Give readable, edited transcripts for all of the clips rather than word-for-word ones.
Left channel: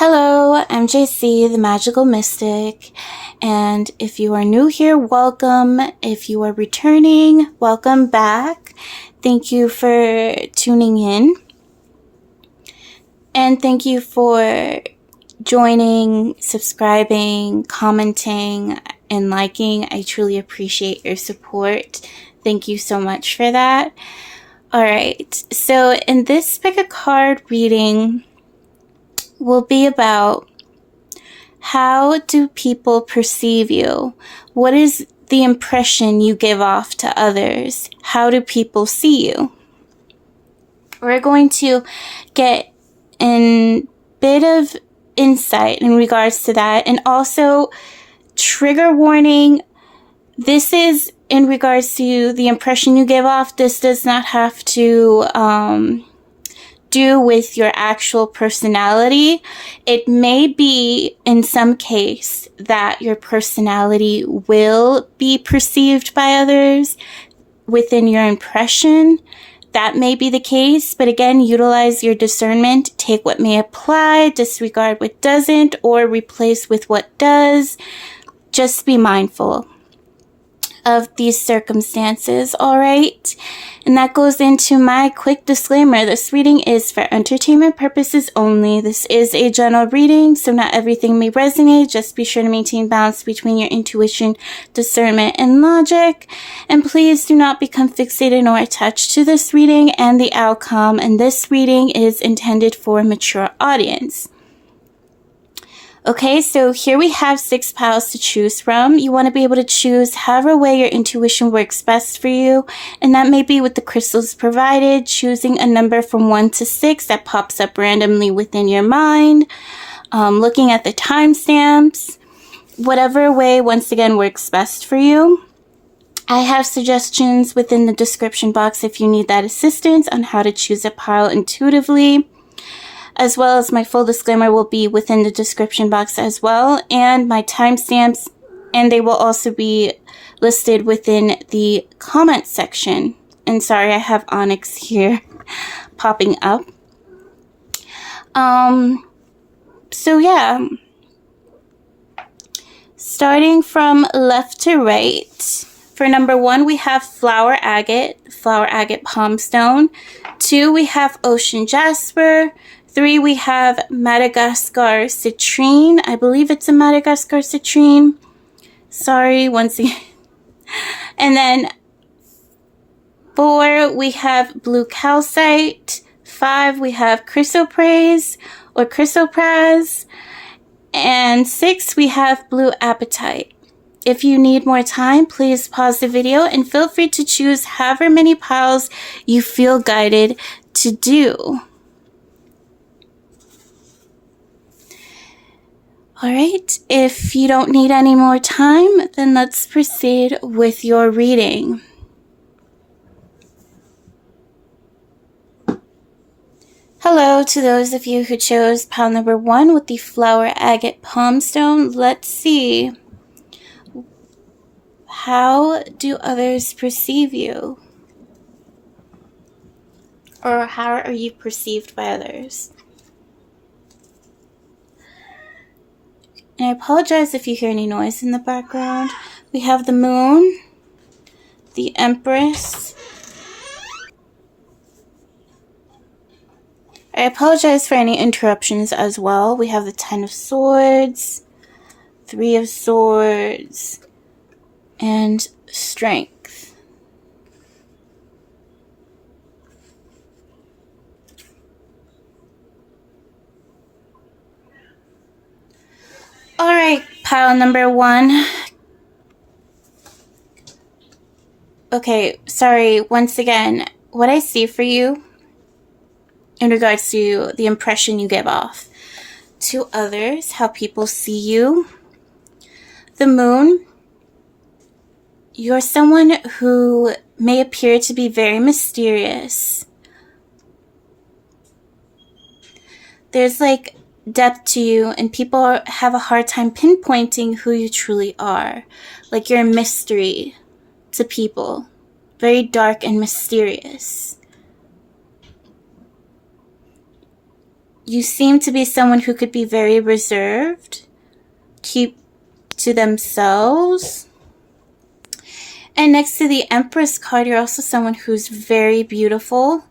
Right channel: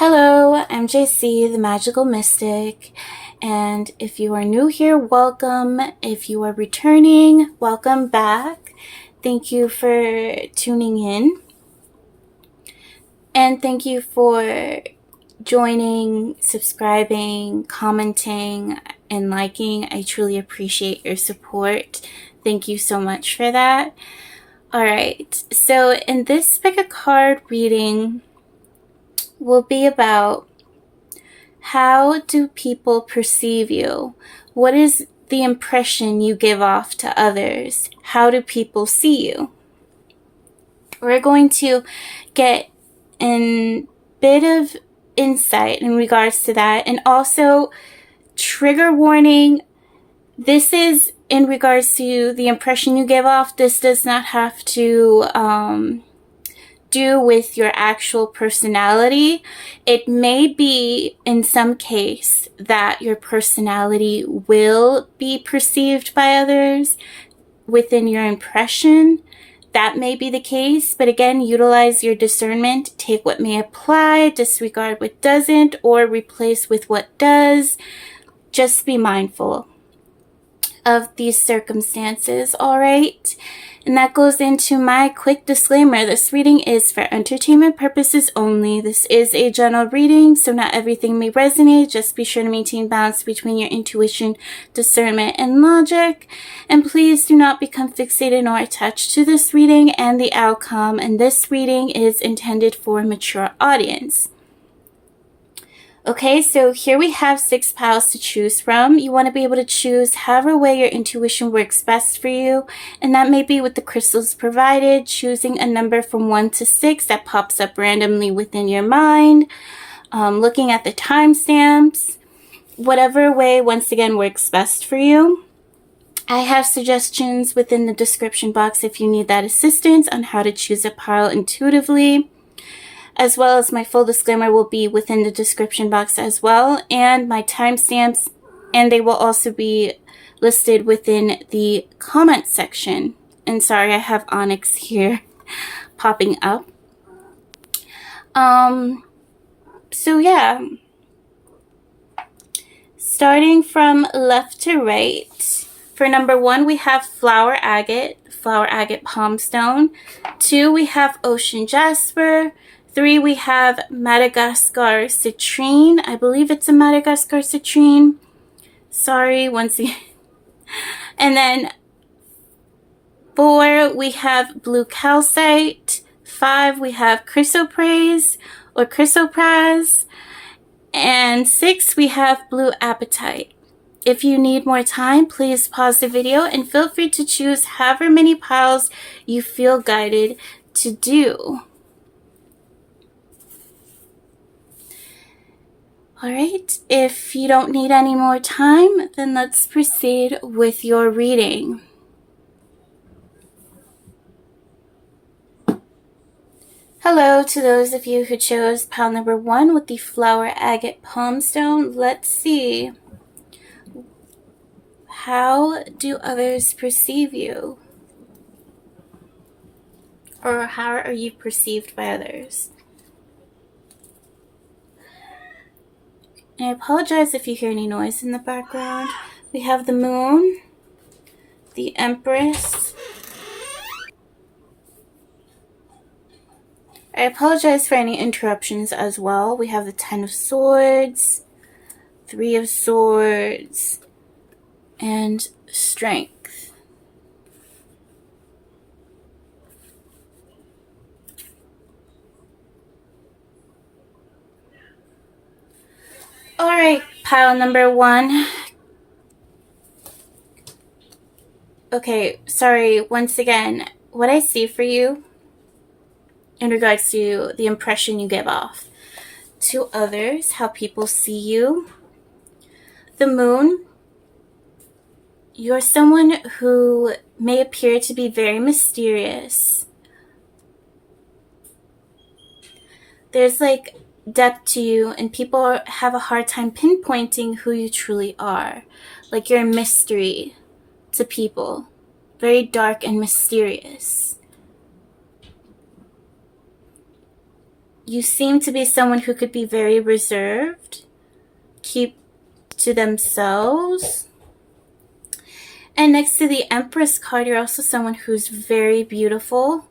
Hello, I'm JC, the Magical Mystic, and if you are new here, welcome. If you are returning, welcome back. Thank you for tuning in, and thank you for joining, subscribing, commenting, and liking. I truly appreciate your support. Thank you so much for that. Alright, so in this pick a card reading will be about how do people perceive you? What is the impression you give off to others? How do people see you? We're going to get a bit of insight in regards to that, and also trigger warning. This is in regards to the impression you give off. This does not have to do with your actual personality. It may be in some case that your personality will be perceived by others within your impression. That may be the case, but again, utilize your discernment. Take what may apply, disregard what doesn't, or replace with what does. Just be mindful of these circumstances, all right? And that goes into my quick disclaimer. This reading is for entertainment purposes only. This is a general reading, so not everything may resonate. Just be sure to maintain balance between your intuition, discernment, and logic. And please do not become fixated or attached to this reading and the outcome. And this reading is intended for a mature audience. Okay, so here we have 6 piles to choose from. You want to be able to choose however way your intuition works best for you. And that may be with the crystals provided, choosing a number from 1 to 6 that pops up randomly within your mind, looking at the timestamps, whatever way, once again, works best for you. I have suggestions within the description box if you need that assistance on how to choose a pile intuitively, as well as my full disclaimer will be within the description box as well, and my timestamps, and they will also be listed within the comment section. And sorry, I have Onyx here popping up. So yeah, starting from left to right, for number 1, we have Flower Agate Palm Stone. 2, we have Ocean Jasper. 3, we have Madagascar Citrine. I believe it's a Madagascar Citrine. Sorry, once again. And then 4, we have Blue Calcite. 5, we have Chrysoprase or Chrysoprase. And 6, we have Blue Apatite. If you need more time, please pause the video and feel free to choose however many piles you feel guided to do. Alright, if you don't need any more time, then let's proceed with your reading. Hello to those of you who chose pile number 1 with the Flower Agate Palm Stone. Let's see. How do others perceive you? Or how are you perceived by others? And I apologize if you hear any noise in the background. We have the Moon, the Empress. I apologize for any interruptions as well. We have the 10 of Swords, 3 of Swords, and Strength. Alright, pile number 1. Okay, sorry, once again, what I see for you in regards to the impression you give off to others, how people see you. The Moon, you're someone who may appear to be very mysterious. There's like depth to you, and people have a hard time pinpointing who you truly are. Like you're a mystery to people. Very dark and mysterious. You seem to be someone who could be very reserved, keep to themselves. And next to the Empress card, you're also someone who's very beautiful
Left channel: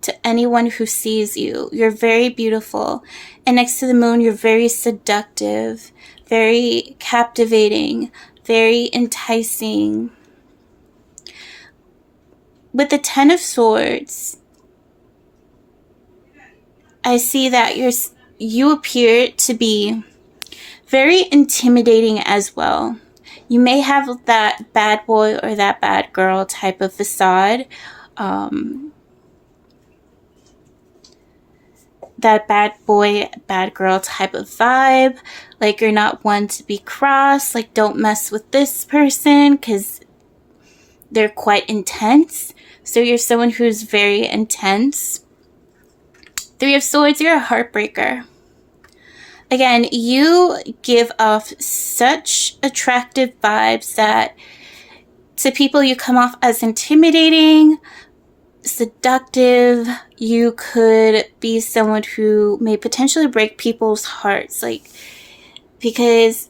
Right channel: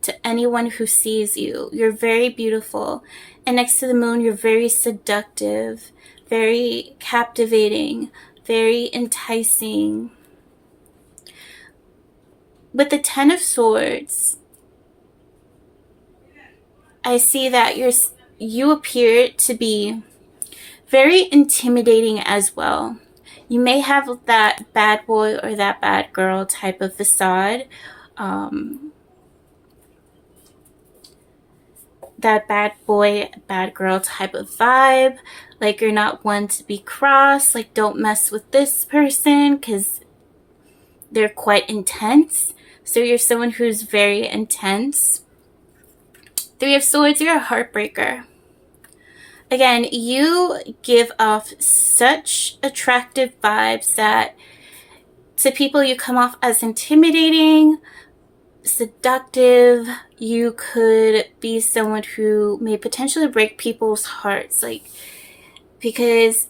to anyone who sees you. You're very beautiful. And next to the Moon, you're very seductive, very captivating, very enticing. With the Ten of Swords, I see that you appear to be very intimidating as well. You may have that bad boy or that bad girl type of facade. That bad boy, bad girl type of vibe. Like, you're not one to be crossed. Like, don't mess with this person because they're quite intense. So you're someone who's very intense. Three of Swords, you're a heartbreaker. Again, you give off such attractive vibes that to people you come off as intimidating, seductive. You could be someone who may potentially break people's hearts, like, because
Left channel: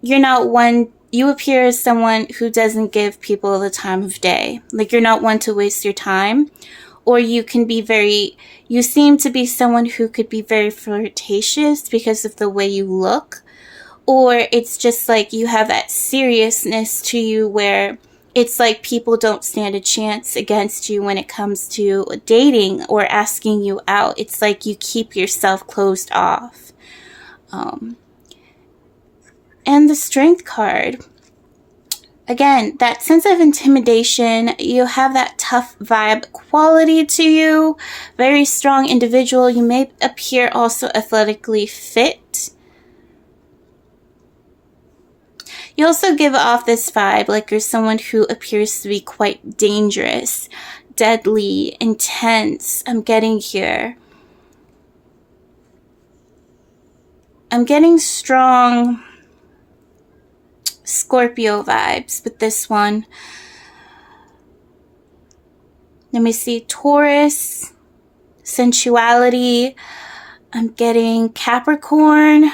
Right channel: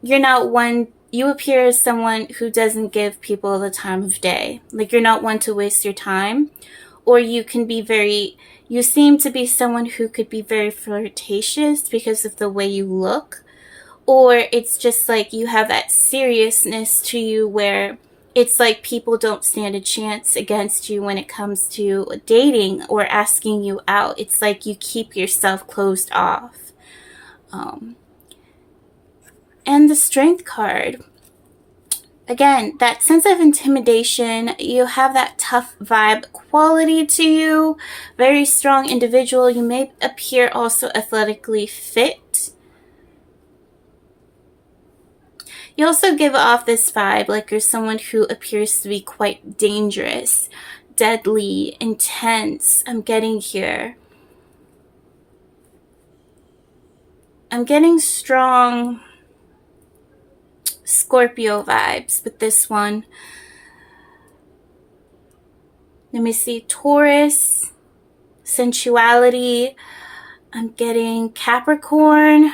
you're not one, you appear as someone who doesn't give people the time of day. Like, you're not one to waste your time. Or you can be you seem to be someone who could be very flirtatious because of the way you look. Or it's just like you have that seriousness to you where it's like people don't stand a chance against you when it comes to dating or asking you out. It's like you keep yourself closed off. And the Strength card. Again, that sense of intimidation, you have that tough vibe quality to you, very strong individual. You may appear also athletically fit. You also give off this vibe like you're someone who appears to be quite dangerous, deadly, intense. I'm getting here. I'm getting strong Scorpio vibes with this one. Let me see. Taurus, sensuality. I'm getting Capricorn.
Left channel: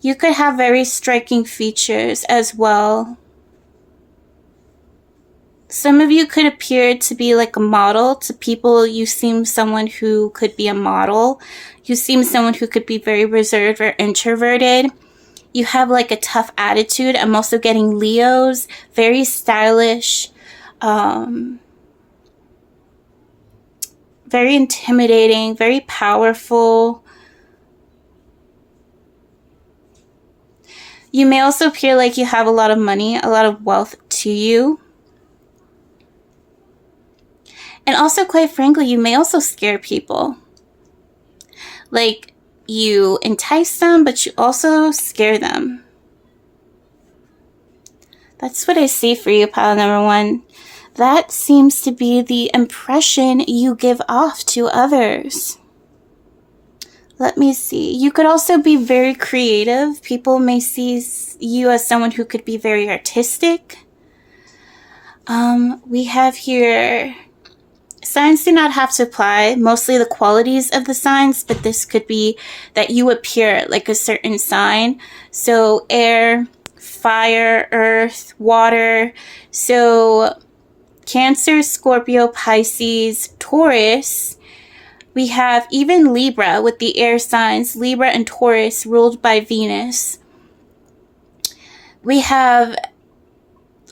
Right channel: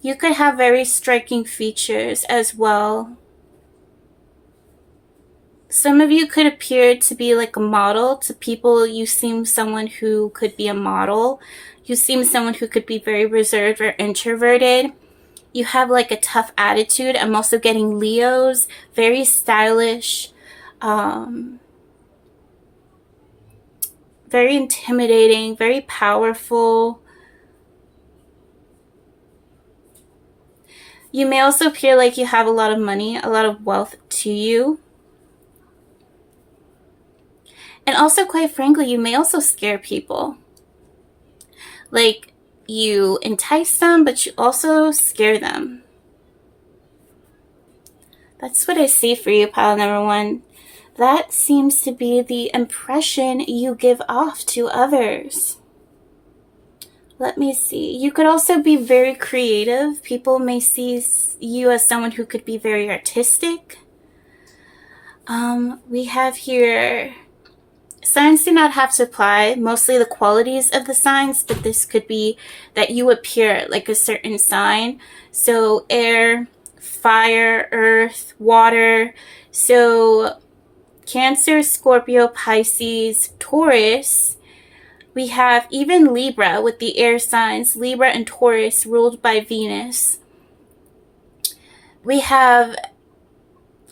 You could have very striking features as well. Some of you could appear to be like a model to people. You seem someone who could be a model. You seem someone who could be very reserved or introverted. You have like a tough attitude. I'm also getting Leos, very stylish, very intimidating, very powerful. You may also appear like you have a lot of money, a lot of wealth to you. And also, quite frankly, you may also scare people. Like, you entice them, but you also scare them. That's what I see for you, pile number one. That seems to be the impression you give off to others. Let me see. You could also be very creative. People may see you as someone who could be very artistic. We have here... Signs do not have to apply, mostly the qualities of the signs, but this could be that you appear like a certain sign. So air, fire, earth, water. So Cancer, Scorpio, Pisces, Taurus. We have even Libra with the air signs, Libra and Taurus ruled by Venus. We have,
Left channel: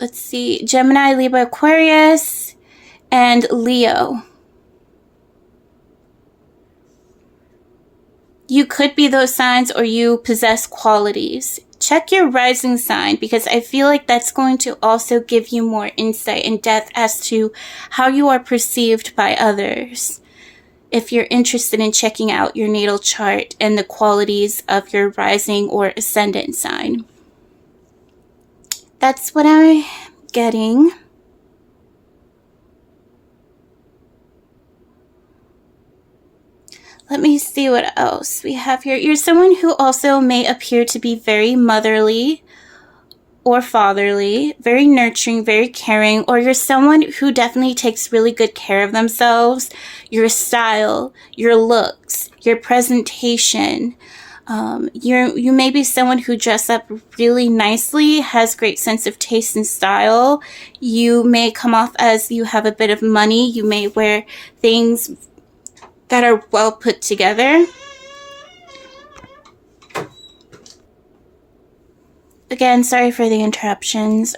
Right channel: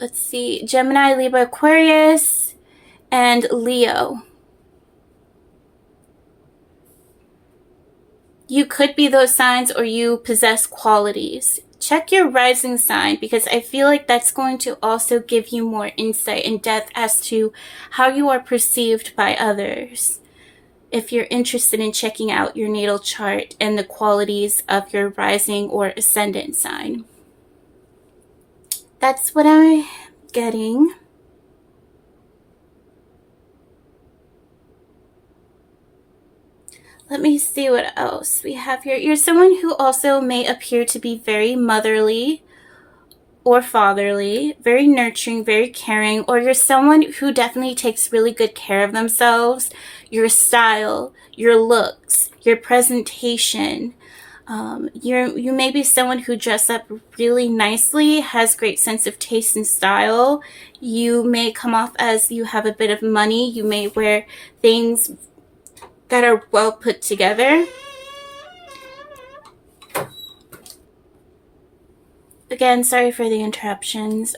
let's see, Gemini, Libra, Aquarius, and Leo. You could be those signs or you possess qualities. Check your rising sign because I feel like that's going to also give you more insight and depth as to how you are perceived by others. If you're interested in checking out your natal chart and the qualities of your rising or ascendant sign. That's what I'm getting. Let me see what else we have here. You're someone who also may appear to be very motherly or fatherly, very nurturing, very caring, or you're someone who definitely takes really good care of themselves, your style, your looks, your presentation. You may be someone who dresses up really nicely, has great sense of taste and style. You may come off as you have a bit of money. You may wear things that are well put together. Again, sorry for the interruptions.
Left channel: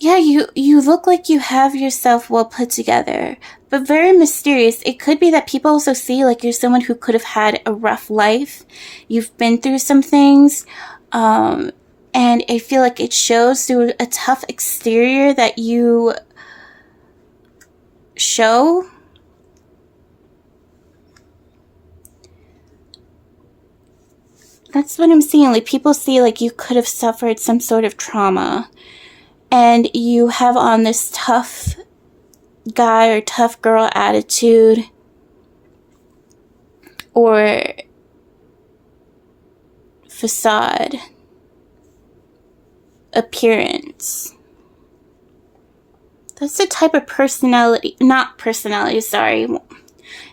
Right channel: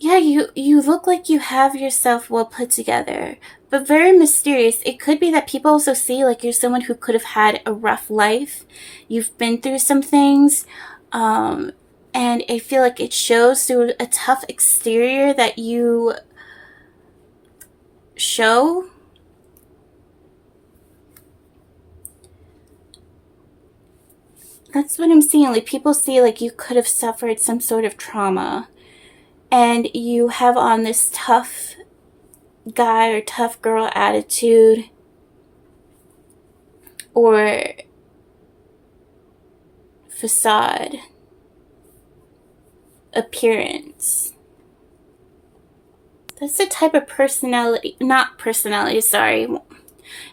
Yeah, you look like you have yourself well put together, but very mysterious. It could be that people also see like you're someone who could have had a rough life. You've been through some things, and I feel like it shows through a tough exterior that you show. That's what I'm seeing. Like, people see like you could have suffered some sort of trauma, and you have on this tough guy or tough girl attitude, or facade, appearance. That's the type of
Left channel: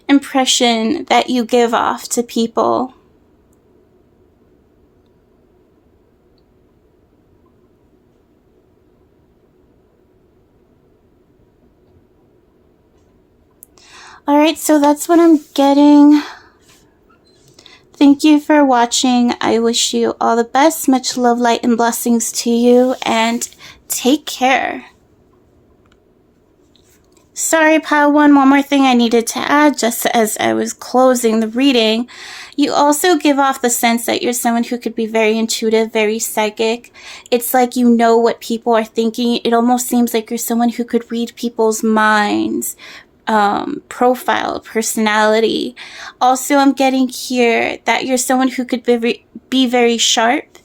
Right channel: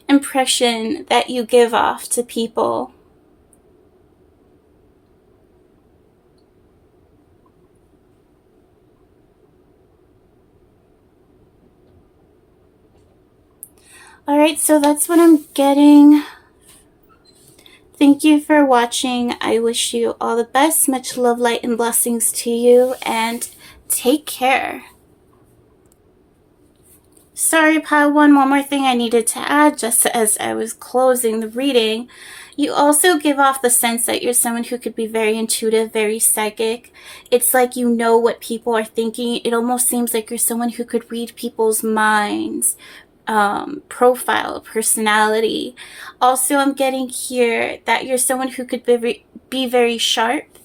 impression that you give off to people. Alright, so that's what I'm getting. Thank you for watching. I wish you all the best. Much love, light, and blessings to you, and take care. Sorry, pile one more thing I needed to add just as I was closing the reading. You also give off the sense that you're someone who could be very intuitive, very psychic. It's like you know what people are thinking. It almost seems like you're someone who could read people's minds, profile, personality. Also, I'm getting here that you're someone who could be very sharp.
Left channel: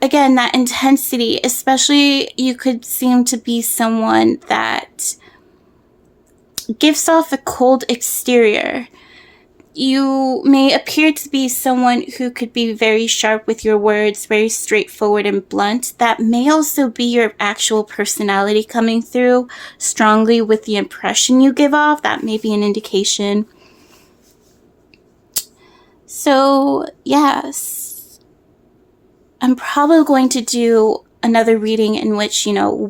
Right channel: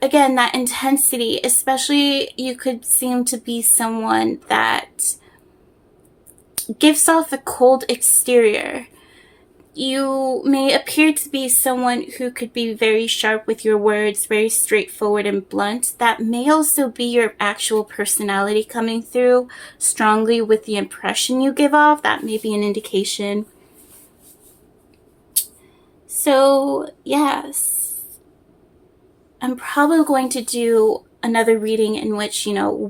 Again, that intensity, especially you could seem to be someone that gives off a cold exterior. You may appear to be someone who could be very sharp with your words, very straightforward and blunt. That may also be your actual personality coming through strongly with the impression you give off. That may be an indication. So, yes, I'm probably going to do another reading in which,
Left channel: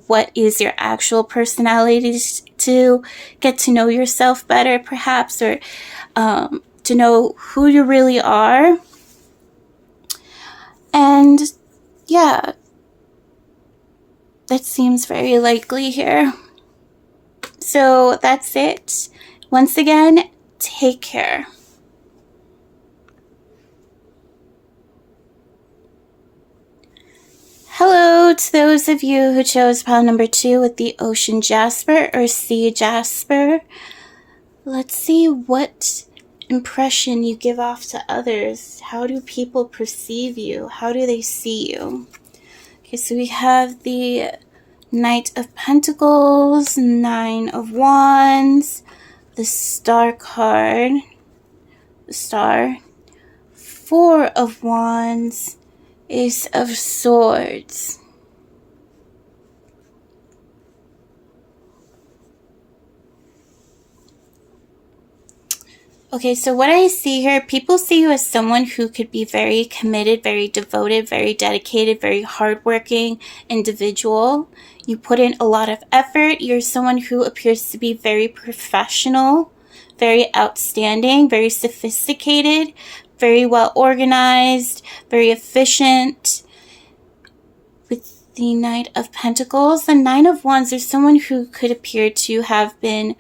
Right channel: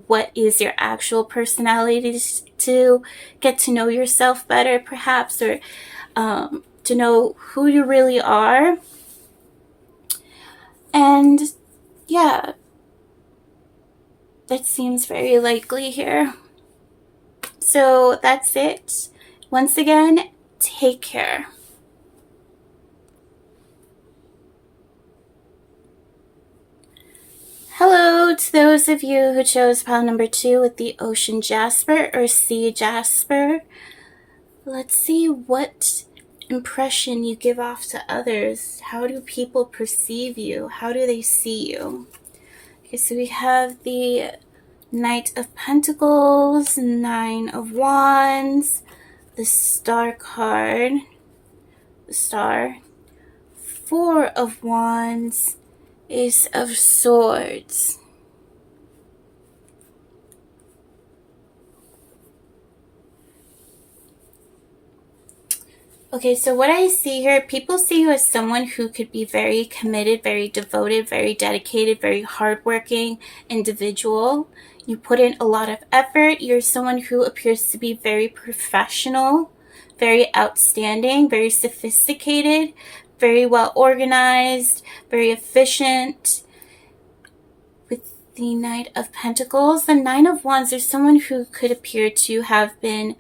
what is your actual personality, to get to know yourself better, perhaps, or to know who you really are. And yeah, that seems very likely here. So that's it. Once again, take care. Hello to those of you who chose pile number 2 with the Ocean Jasper or Sea Jasper. Let's see what impression you give off to others. How do people perceive you? How do they see you? Okay, so we have the Knight of Pentacles, 9 of Wands, the Star card, the Star, 4 of Wands, Ace of Swords. Okay, so what I see here, people see you as someone who could be very committed, very devoted, very dedicated, very hardworking individual. You put in a lot of effort. You're someone who appears to be very professional, very outstanding, very sophisticated, very well organized, very efficient. With the Knight of Pentacles, the 9 of Wands, there's someone who could appear to have been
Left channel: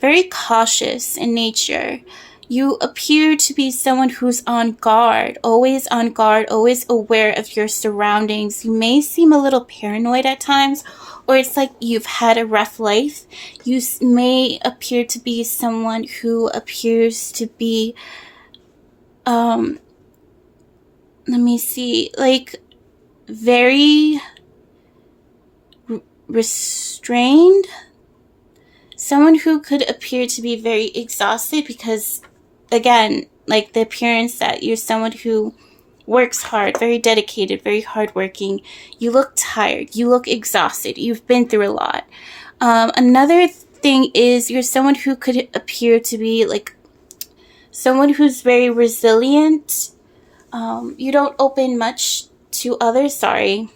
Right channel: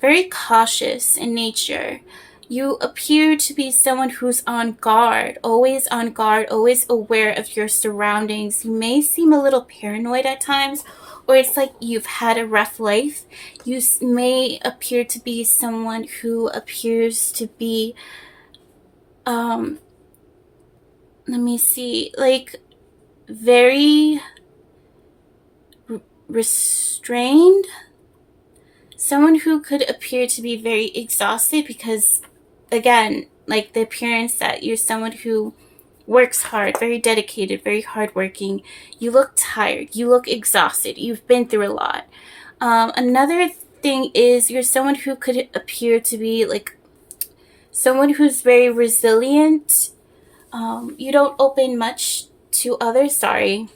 very cautious in nature. You appear to be someone who's on guard, always aware of your surroundings. You may seem a little paranoid at times, or it's like you've had a rough life. You may appear to be someone who appears to be, like very restrained. Someone who could appear to be very exhausted because, again, like the appearance that you're someone who works hard, very dedicated, very hardworking. You look tired. You look exhausted. You've been through a lot. Another thing is you're someone who could appear to be like someone who's very resilient. You don't open much to others. Sorry.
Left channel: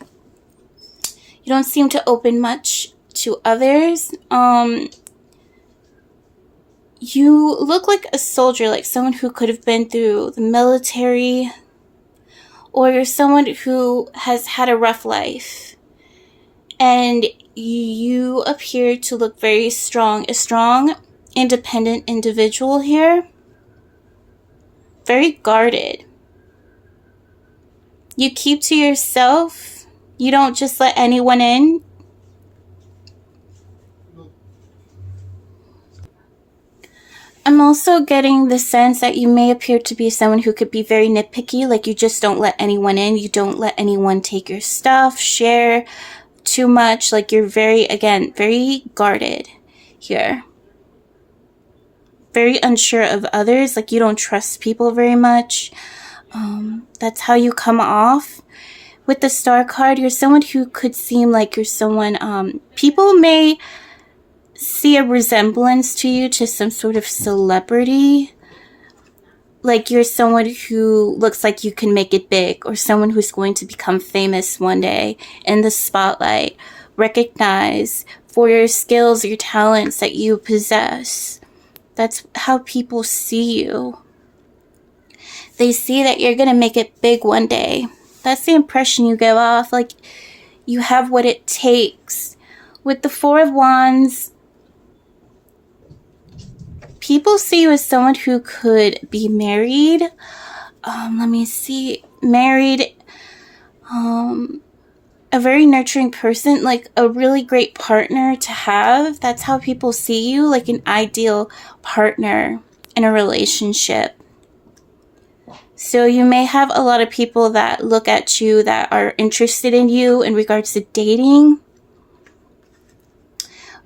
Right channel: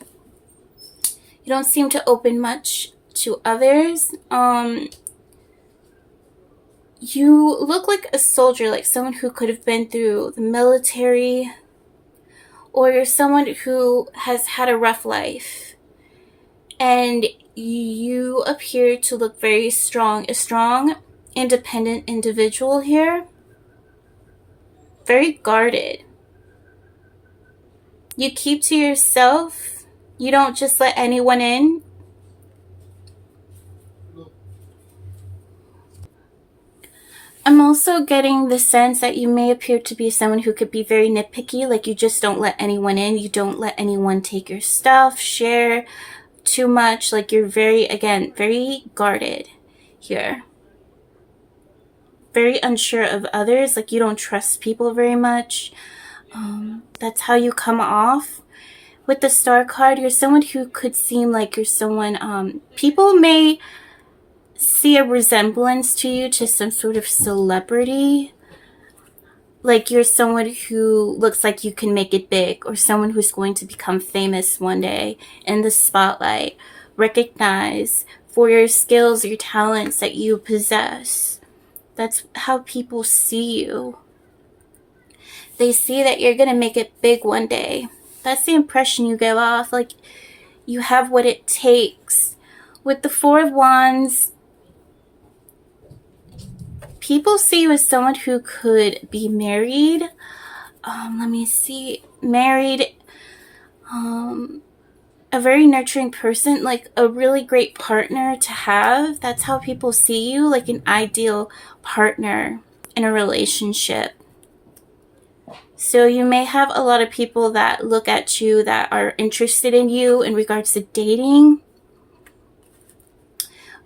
You don't seem to open much to others. You look like a soldier, like someone who could have been through the military, or you're someone who has had a rough life, and you appear to look very strong, a strong, independent individual here, very guarded. You keep to yourself. You don't just let anyone in. I'm also getting the sense that you may appear to be someone who could be very nitpicky, like you just don't let anyone in, you don't let anyone take your stuff, share too much, like you're very, again, very guarded here. Very unsure of others, like you don't trust people very much. That's how you come off. With the Star card, you're someone who could seem like you're someone, people may see a resemblance to you to some sort of celebrity. Like you're someone who looks like you can make it big, or someone who's going to become famous one day in the spotlight, recognized for your skills, your talents that you possess. That's how people see you. They see that you're going to make it big one day. That's the impression you give off, like you have what it takes. With the Four of Wands, people see you as someone who could be married. Let me see. Married. A very nurturing person, like a really great partner to have. That's how people see you, like an ideal partner in a relationship. So you may have a lot of people that look at you that are interested in you in regards to dating.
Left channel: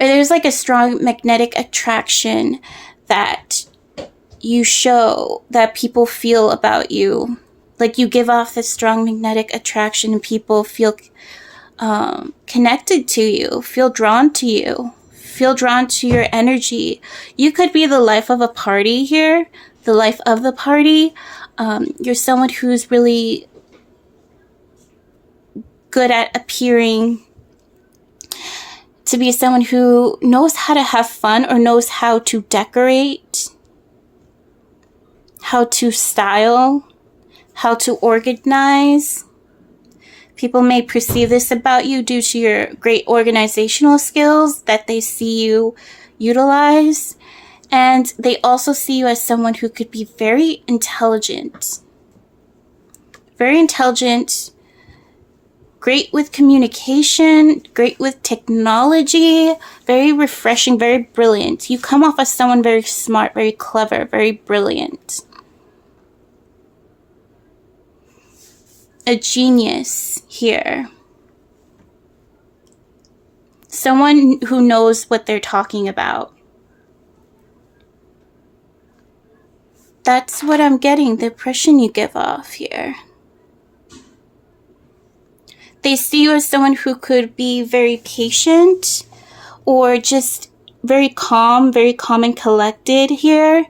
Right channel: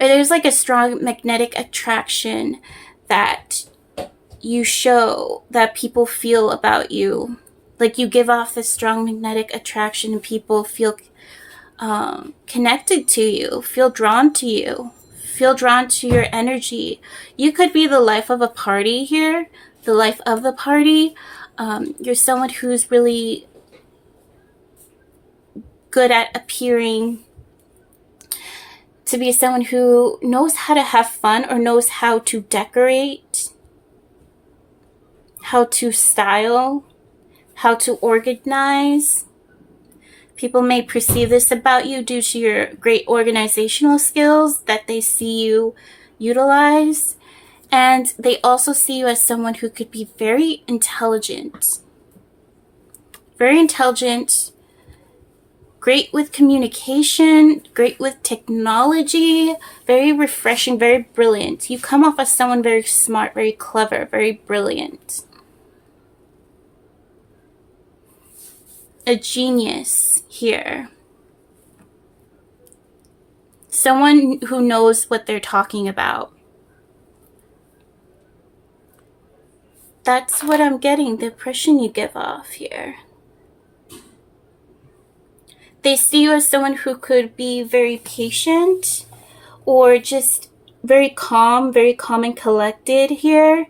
Or there's like a strong magnetic attraction that you show, that people feel about you. Like you give off this strong magnetic attraction and people feel connected to you, feel drawn to you, feel drawn to your energy. You could be the life of a party here, the life of the party. You're someone who's really good at appearing to be someone who knows how to have fun or knows how to decorate, how to style, how to organize. People may perceive this about you due to your great organizational skills that they see you utilize. And they also see you as someone who could be very intelligent. Very intelligent. Great with communication. Great with technology. Very refreshing. Very brilliant. You come off as someone very smart, very clever, very brilliant. A genius here. Someone who knows what they're talking about. That's what I'm getting, the impression you give off here. They see you as someone who could be very patient or just very calm and collected here.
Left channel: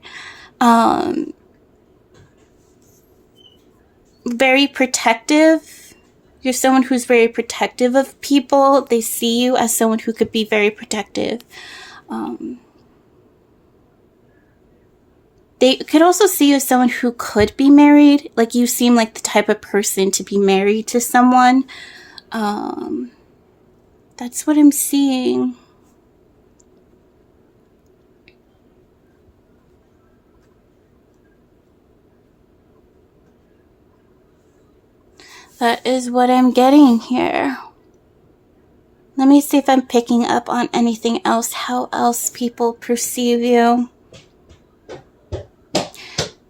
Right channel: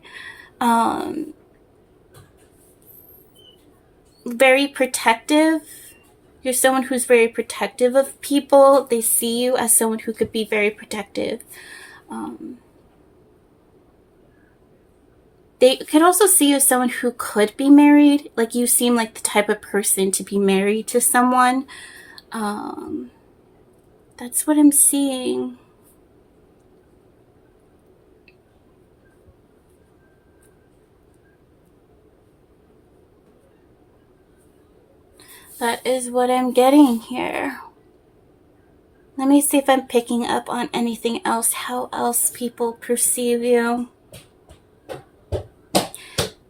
Very protective. You're someone who's very protective of people. They see you as someone who could be very protective. They could also see you as someone who could be married. Like you seem like the type of person to be married to someone. That's what I'm seeing. That is what I'm getting here. Let me see if I'm picking up on anything else. How else people perceive you.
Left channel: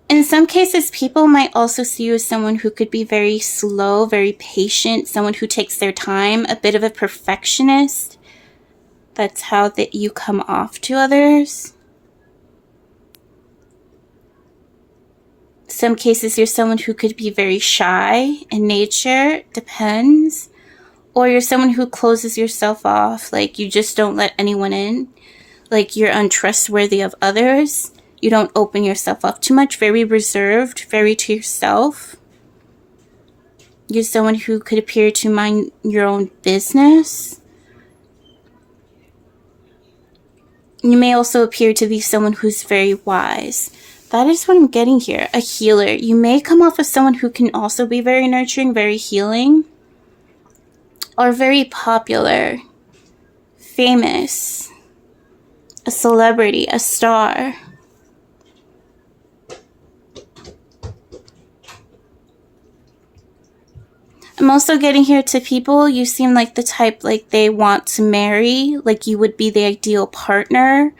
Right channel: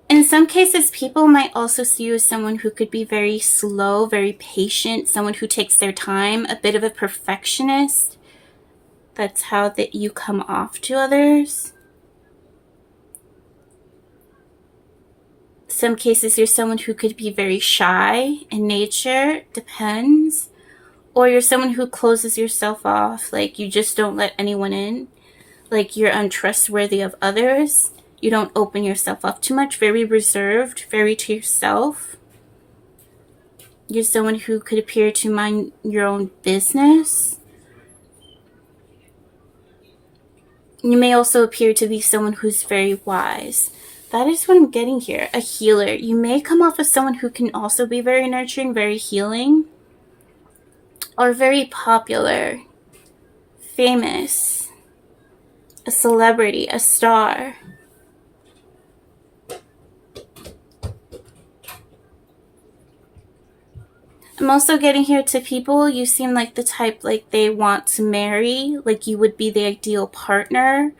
In some cases, people might also see you as someone who could be very slow, very patient, someone who takes their time, a bit of a perfectionist. That's how that you come off to others. some cases you're someone who could be very shy in nature, depends. Or you're someone who closes yourself off, like you just don't let anyone in. Like you're untrustworthy of others. You don't open yourself up too much, very reserved, very to yourself. You're someone who could appear to mind your own business. You may also appear to be someone who's very wise. That is what I'm getting here. A healer. You may come off as someone who can also be very nurturing, very healing. Or very popular, famous, a celebrity, a star. I'm also getting here to people, you seem like the type like they want to marry, like you would be the ideal partner.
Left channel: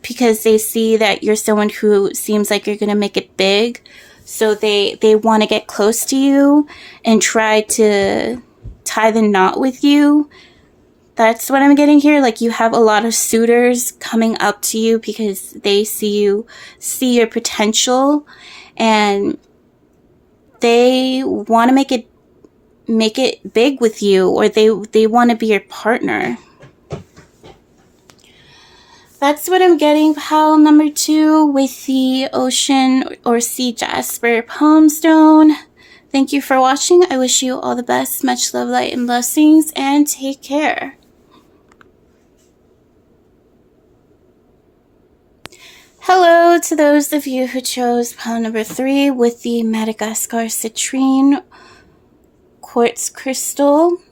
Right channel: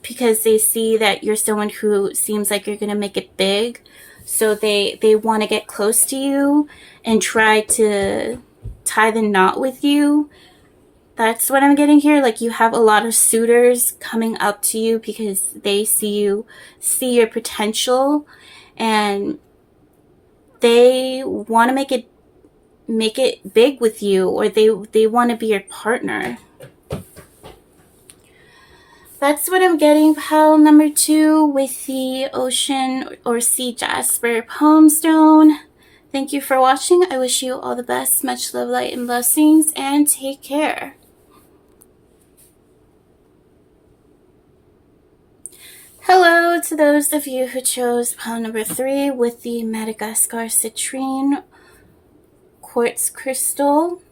Because they see that you're someone who seems like you're going to make it big. So they want to get close to you and try to tie the knot with you. That's what I'm getting here. Like you have a lot of suitors coming up to you because they see your potential, and they want to make it big with you, or they want to be your partner. That's what I'm getting, pile number 2, with the Ocean or Sea Jasper Palm Stone. Thank you for watching. I wish you all the best. Much love, light, and blessings, and take care. Hello to those of you who chose pile number 3 with the Madagascar Citrine Quartz Crystal.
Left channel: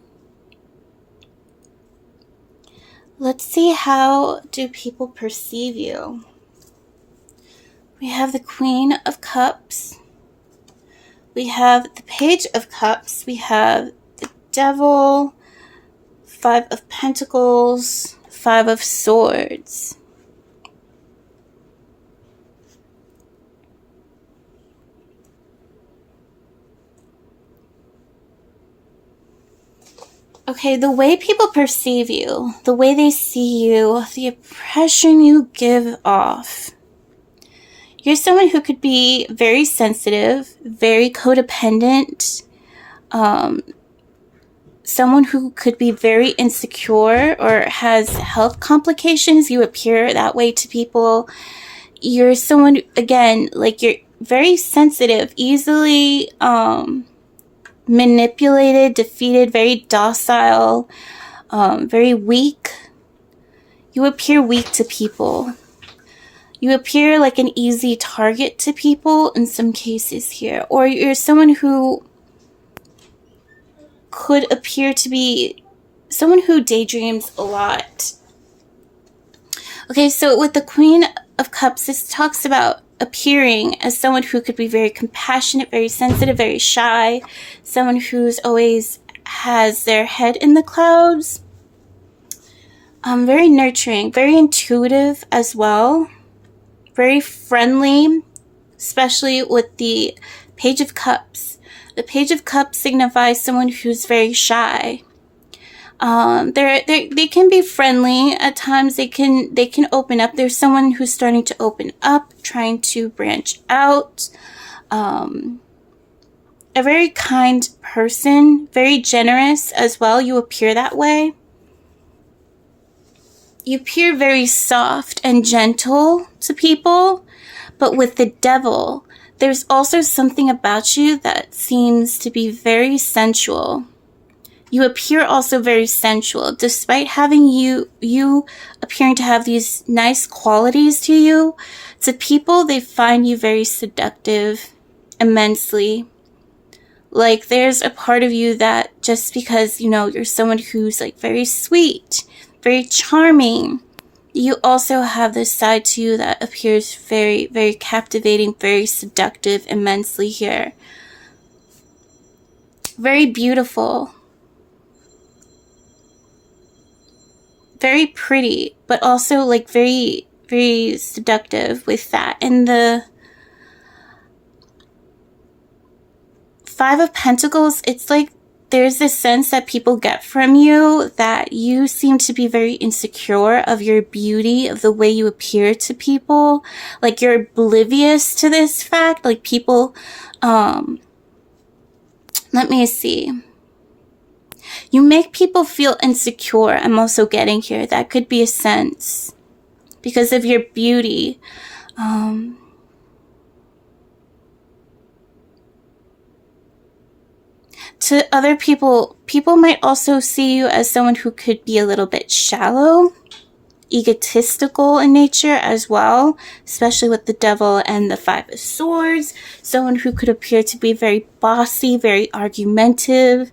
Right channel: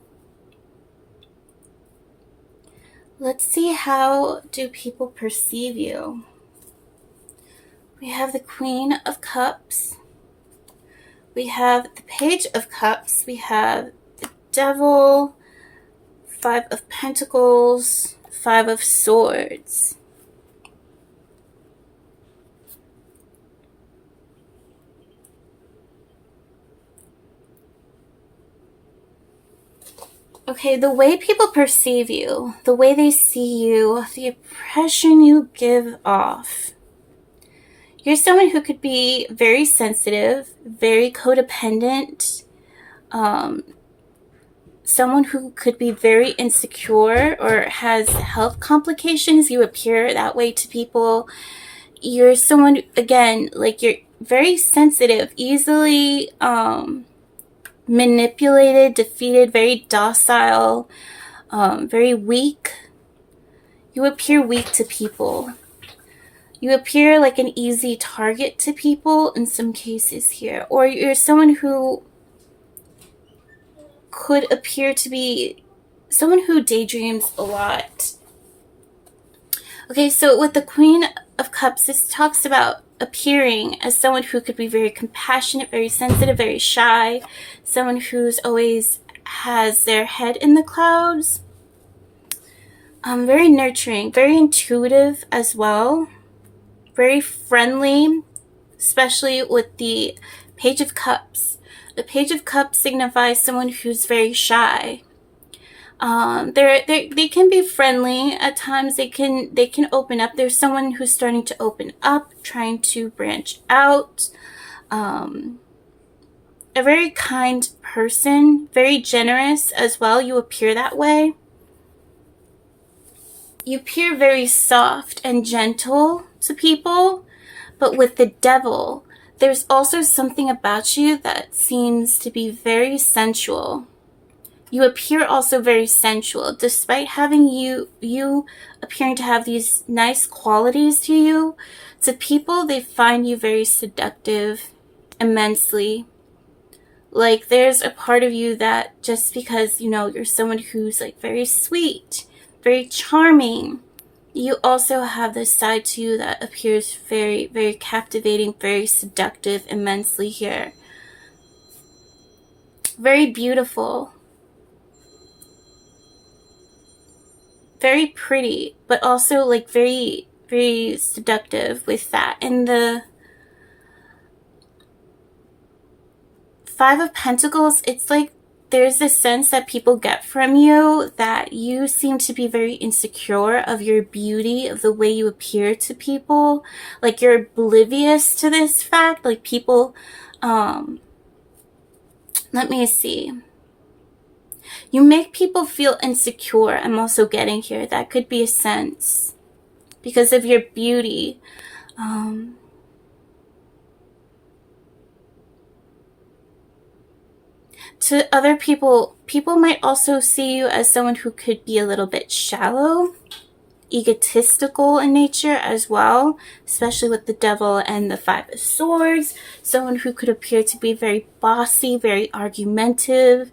Let's see, how do people perceive you? We have the Queen of Cups. We have the Page of Cups. We have the Devil, 5 of Pentacles, 5 of Swords. Okay, the way people perceive you, the way they see you, the impression you give off. You're someone who could be very sensitive, very codependent, someone who could be very insecure or has health complications. You appear that way to people. You're someone, again, like you're very sensitive, easily manipulated, defeated, very docile, very weak. You appear weak to people. You appear like an easy target to people in some cases here. Or you're someone who could appear to be someone who daydreams a lot. Okay, so with the Queen of Cups, this talks about appearing as someone who could be very compassionate, very sensitive, very shy, someone who's always has their head in the clouds, very nurturing, very intuitive as well, very friendly, especially with the Page of Cups. The Page of Cups signifies someone who's very shy. They can be friendly at times. They can open up. There's someone who's starting to open up, trying to branch out. A very kind person, very generous as well. You appear that way. You appear very soft and gentle to people, but with the Devil, there's also something about you that seems to be very sensual. You appear also very sensual, despite having you appearing to have these nice qualities to you. To people, they find you very seductive, immensely. Like there's a part of you that just because, you know, you're someone who's like very sweet, very charming, you also have this side to you that appears very, very captivating, very seductive, immensely here. Very beautiful. Very pretty, but also like very, very seductive with that. And the 5 of Pentacles, it's like there's this sense that people get from you that you seem to be very insecure of your beauty, of the way you appear to people. Like you're oblivious to this fact. Like people, let me see. You make people feel insecure. I'm also getting here. That could be a sense because of your beauty. To other people, people might also see you as someone who could be a little bit shallow, egotistical in nature as well, especially with the devil and the 5 of swords. Someone who could appear to be very bossy, very argumentative.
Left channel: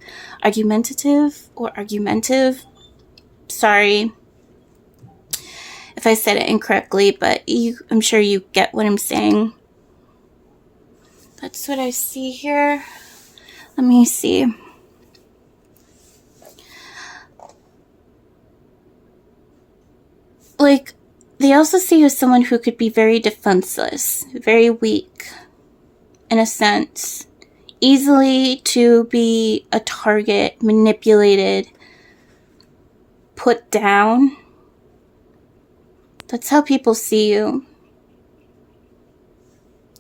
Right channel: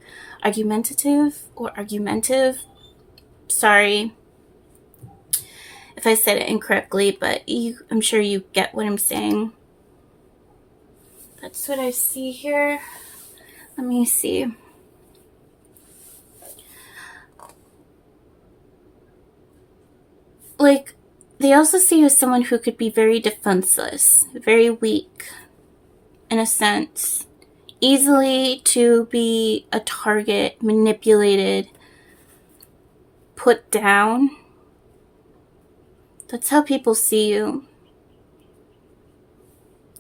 Sorry if I said it incorrectly, but I'm sure you get what I'm saying. That's what I see here. Let me see. Like, they also see you as someone who could be very defenseless, very weak, in a sense. Easily to be a target, manipulated, put down. That's how people see you.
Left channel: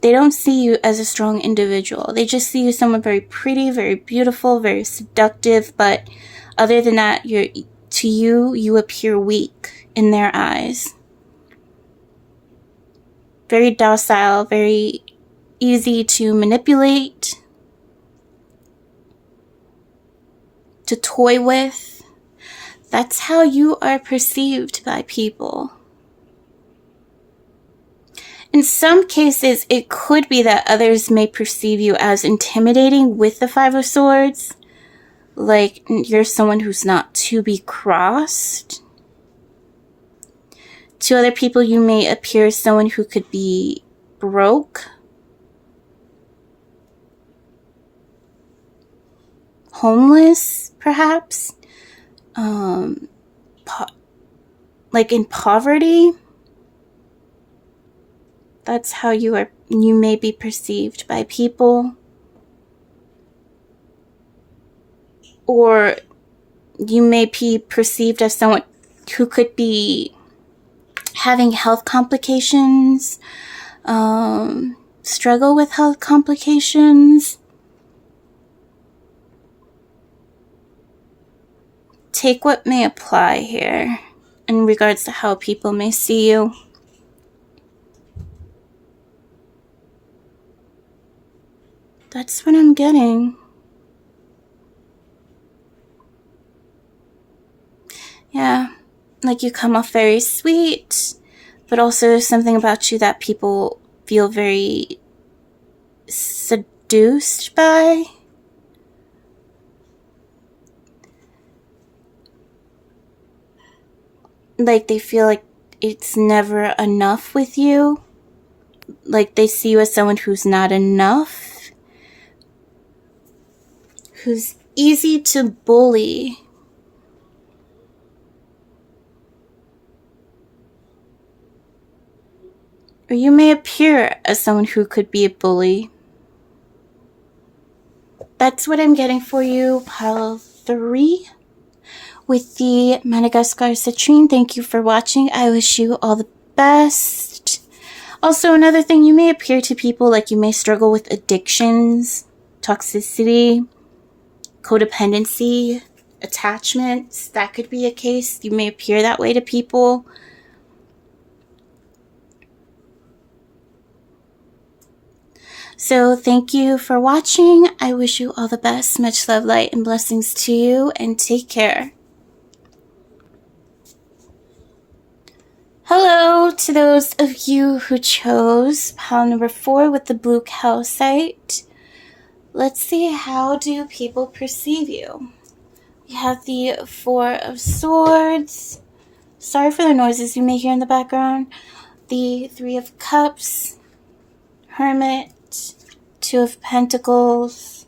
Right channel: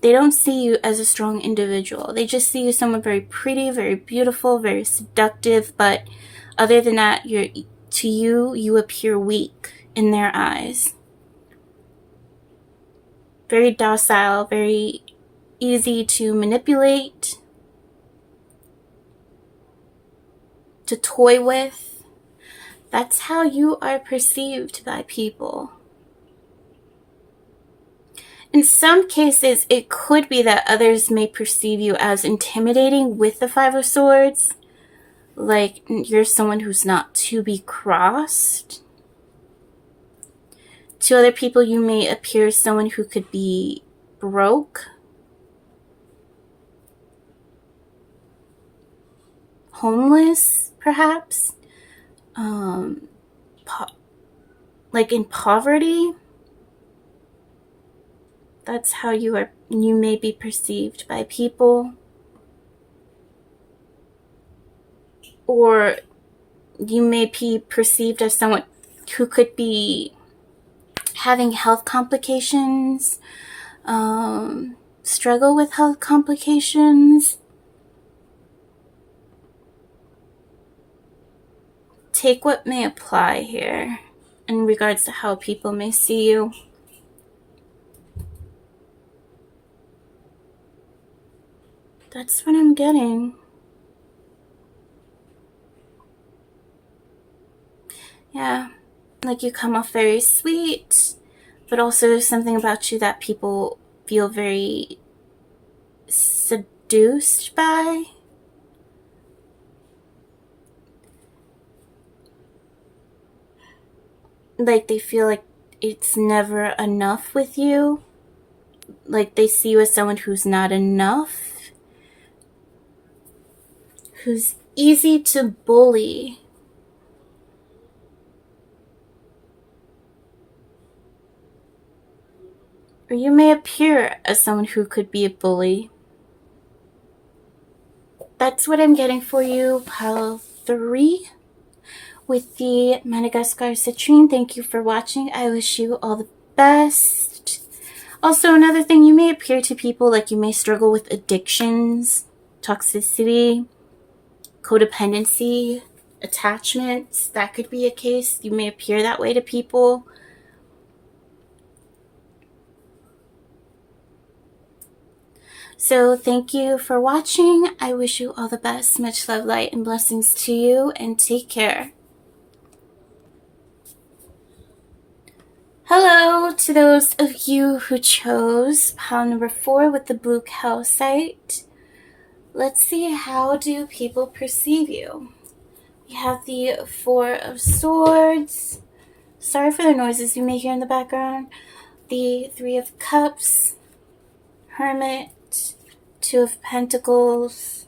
They don't see you as a strong individual. They just see you as someone very pretty, very beautiful, very seductive. But other than that, to you, you appear weak in their eyes. Very docile, very easy to manipulate, to toy with. That's how you are perceived by people. In some cases, it could be that others may perceive you as intimidating with the 5 of Swords. Like you're someone who's not to be crossed. To other people, you may appear as someone who could be broke, homeless, perhaps, like in poverty. That's how you may be perceived by people. Or you may be perceived as someone who could be having health complications, struggle with health complications. Take what may apply here in regards to how people may see you. That's what I'm getting. Yeah, like you come off very sweet, but also there's something about you that people feel very seduced by. Like they feel like it's never enough with you. Like they see you as someone who's not enough. Who's easy to bully. Or you may appear as someone who could be a bully. That's what I'm getting for you, pile 3. With the Madagascar Citrine. Thank you for watching. I wish you all the best. Also, another thing, you may appear to people like you may struggle with addictions, toxicity, codependency, attachments. That could be a case. You may appear that way to people. So thank you for watching. I wish you all the best. Much love, light, and blessings to you, and take care. Hello to those of you who chose pile number 4 with the Blue Calcite. Let's see, how do people perceive you? We have the 4 of Swords. Sorry for the noises you may hear in the background. The 3 of Cups. Hermit. 2 of Pentacles.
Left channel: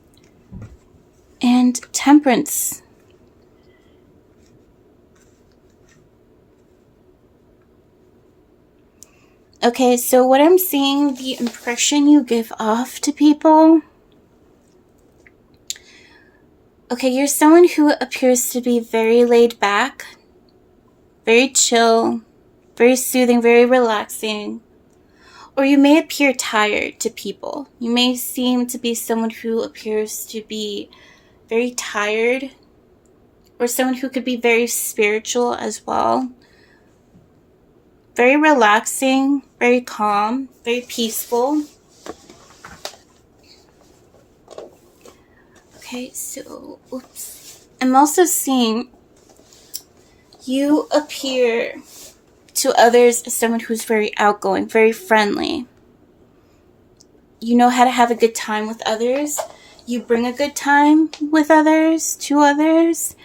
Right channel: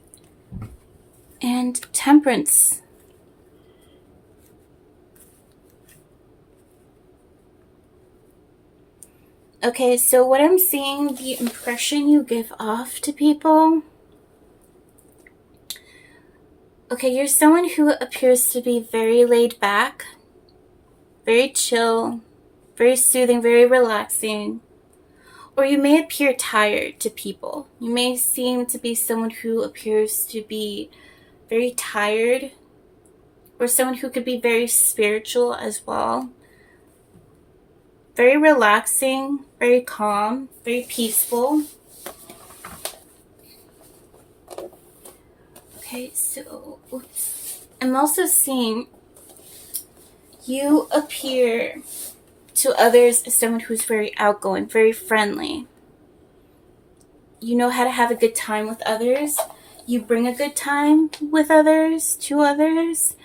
And Temperance. Okay, so what I'm seeing, the impression you give off to people. Okay, you're someone who appears to be very laid back, very chill, very soothing, very relaxing. Or you may appear tired to people. You may seem to be someone who appears to be very tired, or someone who could be very spiritual as well. Very relaxing, very calm, very peaceful. Okay, so I'm also seeing you appear to others as someone who's very outgoing, very friendly. You know how to have a good time with others. You bring a good time with others, to others.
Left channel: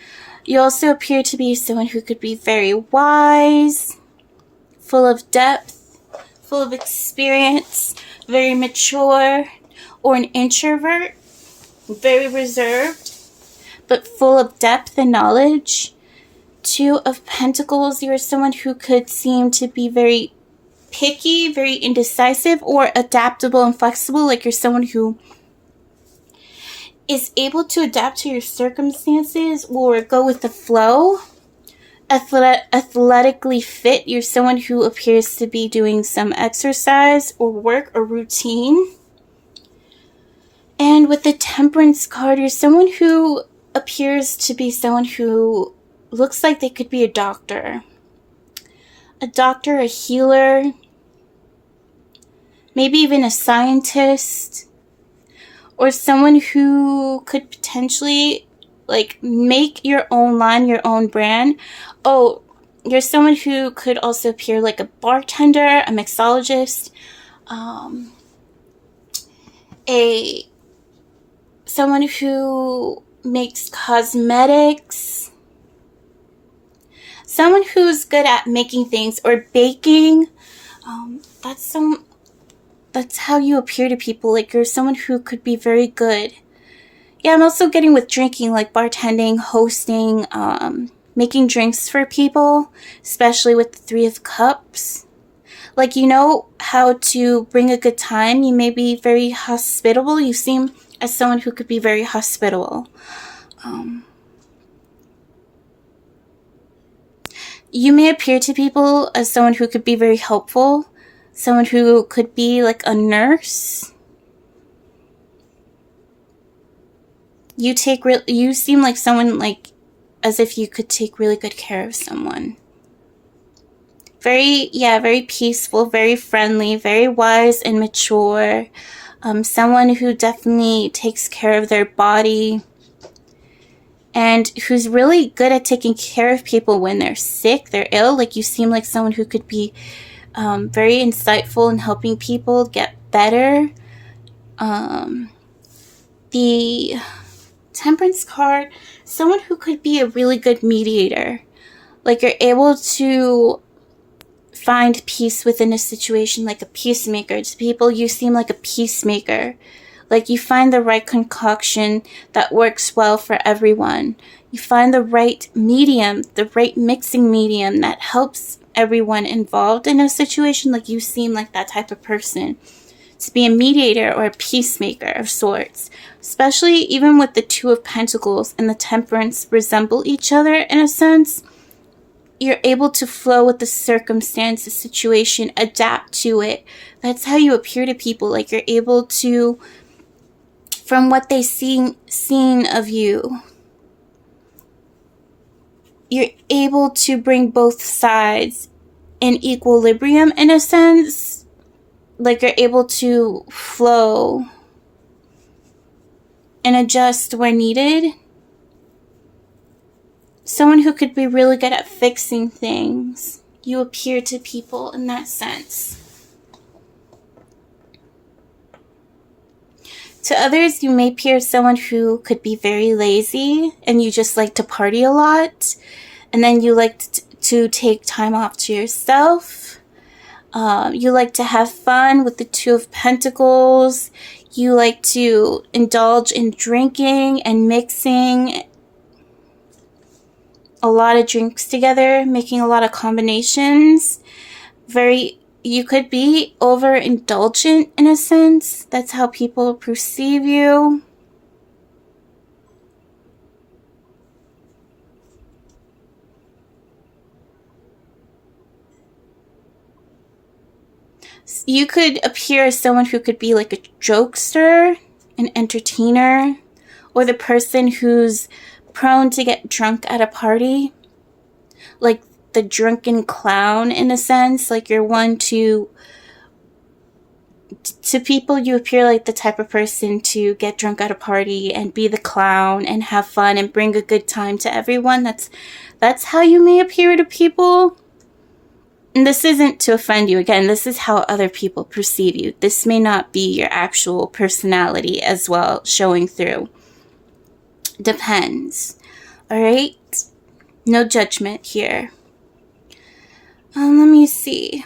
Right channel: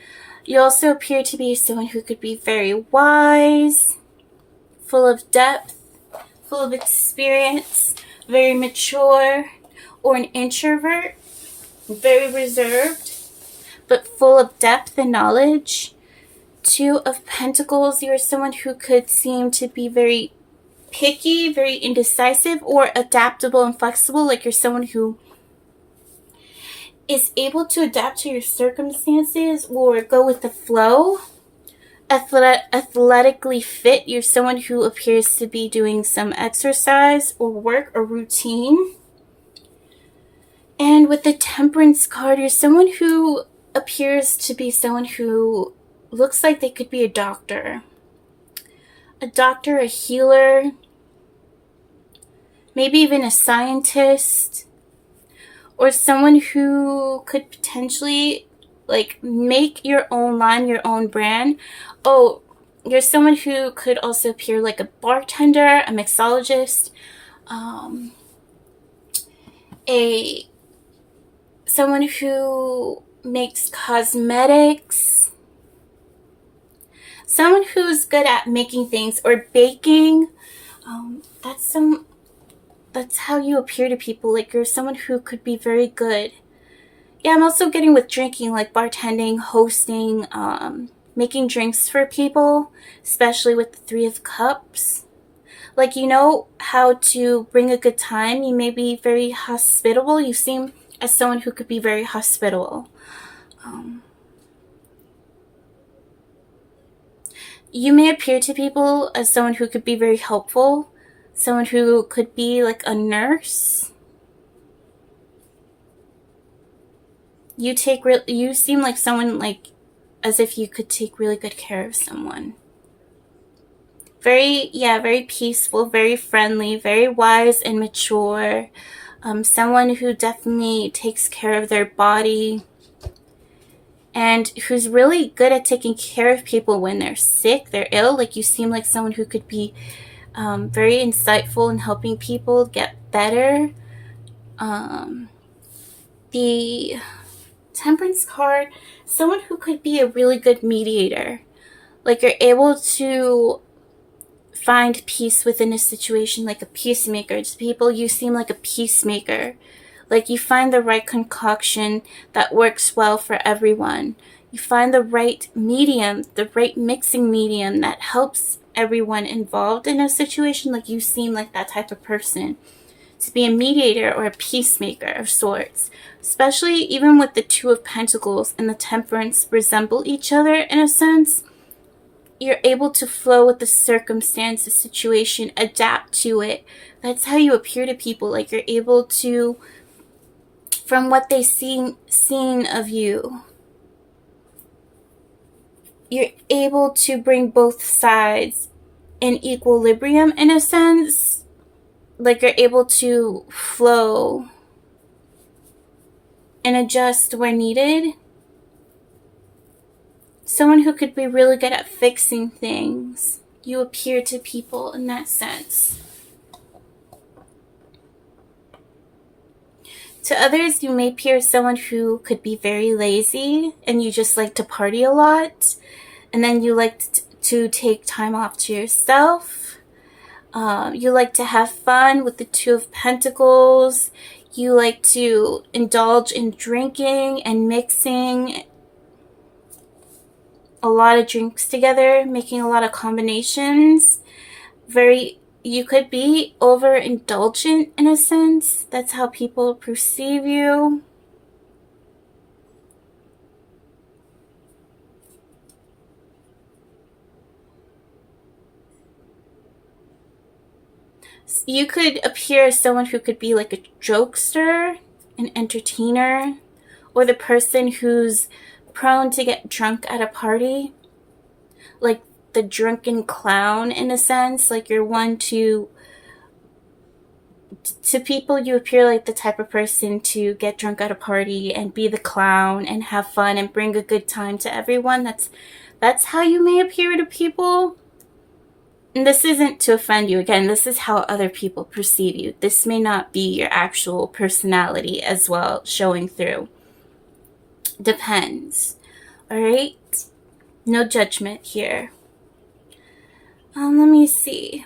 You also appear to be someone who could be very wise, full of depth, full of experience, very mature, or an introvert, very reserved, but full of depth and knowledge. Two of Pentacles, you're someone who could seem to be very picky, very indecisive, or adaptable and flexible. Like you're someone who is able to adapt to your circumstances or go with the flow. Athletically fit, you're someone who appears to be doing some exercise or work or routine. And with the Temperance card, you're someone who appears to be someone who looks like they could be a doctor. A doctor, a healer, maybe even a scientist, or someone who could potentially like make your own line, your own brand. Oh, you're someone who could also appear like a bartender, a mixologist, someone who makes cosmetics, someone who's good at making things or baking. That's how you appear to people. Like you're someone who could be very good. Yeah, I'm also getting with drinking, like bartending, hosting, making drinks for people, especially with the Three of Cups. Like, you know how to bring a good time. You may be very hospitable. You seem as someone who could be very hospitable. You may appear to people as someone who could be very helpful, someone who could be like a nurse. You seem like someone like as if you could take really good care of someone. Very peaceful, very friendly, very wise and mature. Someone who definitely takes care of their body and who's really good at taking care of people when they're sick, they're ill. Like you seem like someone who could be very insightful in helping people get better. The Temperance card, someone who could be a really good mediator. Like you're able to find peace within a situation, like a peacemaker. To people, you seem like a peacemaker. Like you find the right concoction that works well for everyone. You find the right medium, the right mixing medium that helps everyone involved in a situation. Like you seem like that type of person. To be a mediator or a peacemaker of sorts. Especially even with the Two of Pentacles and the Temperance resemble each other in a sense. You're able to flow with the circumstance, the situation, adapt to it. That's how you appear to people. Like you're able to, from what they've seen of you, you're able to bring both sides in equilibrium in a sense. Like you're able to flow and adjust where needed. Someone who could be really good at fixing things. You appear to people in that sense. To others, you may appear someone who could be very lazy and you just like to party a lot. And then you like to take time off to yourself. You like to have fun with the Two of Pentacles. You like to indulge in drinking and mixing a lot of drinks together, making a lot of combinations. You could be overindulgent in a sense. That's how people perceive you. You could appear as someone who could be like a jokester, an entertainer, or the person who's prone to get drunk at a party. Like the drunken clown in a sense. Like you're one to people, you appear like the type of person to get drunk at a party and be the clown and have fun and bring a good time to everyone. That's how you may appear to people. And this isn't to offend you. Again, this is how other people perceive you. This may not be your actual personality as well showing through. Depends. All right? No judgment here. Let me see.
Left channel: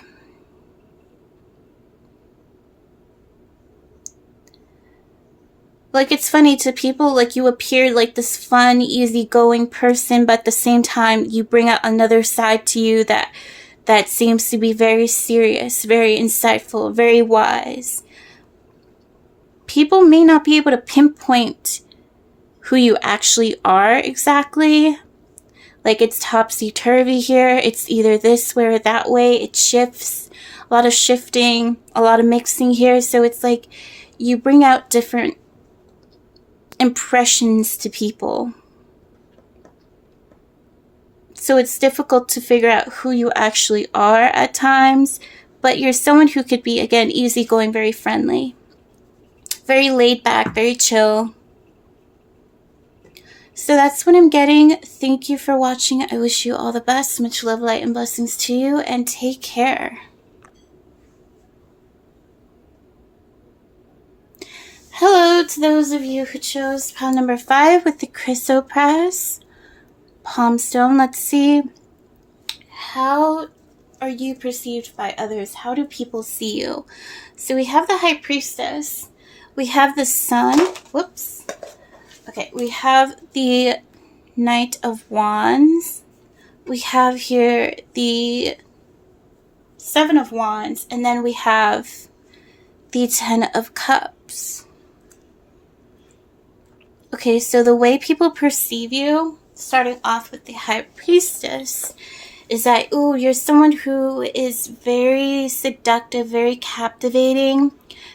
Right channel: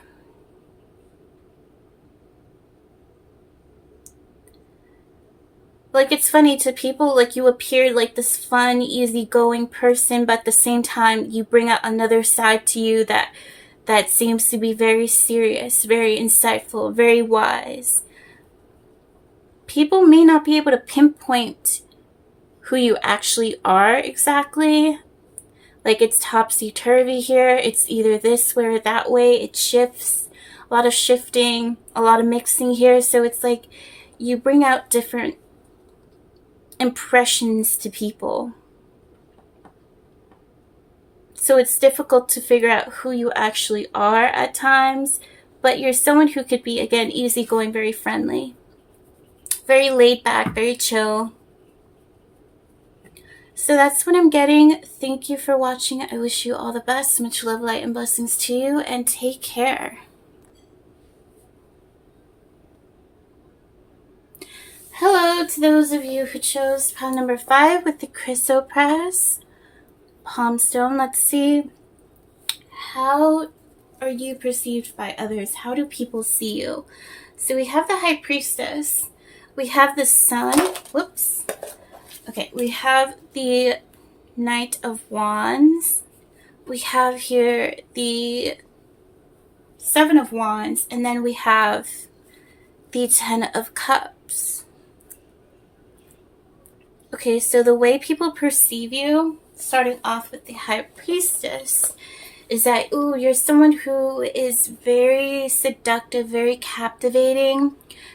Like, it's funny to people, like, you appear like this fun, easygoing person, but at the same time, you bring out another side to you that seems to be very serious, very insightful, very wise. People may not be able to pinpoint who you actually are exactly. Like, it's topsy-turvy here. It's either this way or that way. It shifts. A lot of shifting, a lot of mixing here. So it's like you bring out different impressions to people. So it's difficult to figure out who you actually are at times, but you're someone who could be, again, easygoing, very friendly, very laid back, very chill. So that's what I'm getting. Thank you for watching. I wish you all the best. Much love, light, and blessings to you, and take care. Hello to those of you who chose pile number 5 with the Chrysoprase palm stone. Let's see. How are you perceived by others? How do people see you? So we have the High Priestess. We have the Sun. Whoops. Okay, we have the Knight of Wands. We have here the Seven of Wands. And then we have the Ten of Cups. Okay, so the way people perceive you, starting off with the High Priestess, is that, ooh, you're someone who is very seductive, very captivating,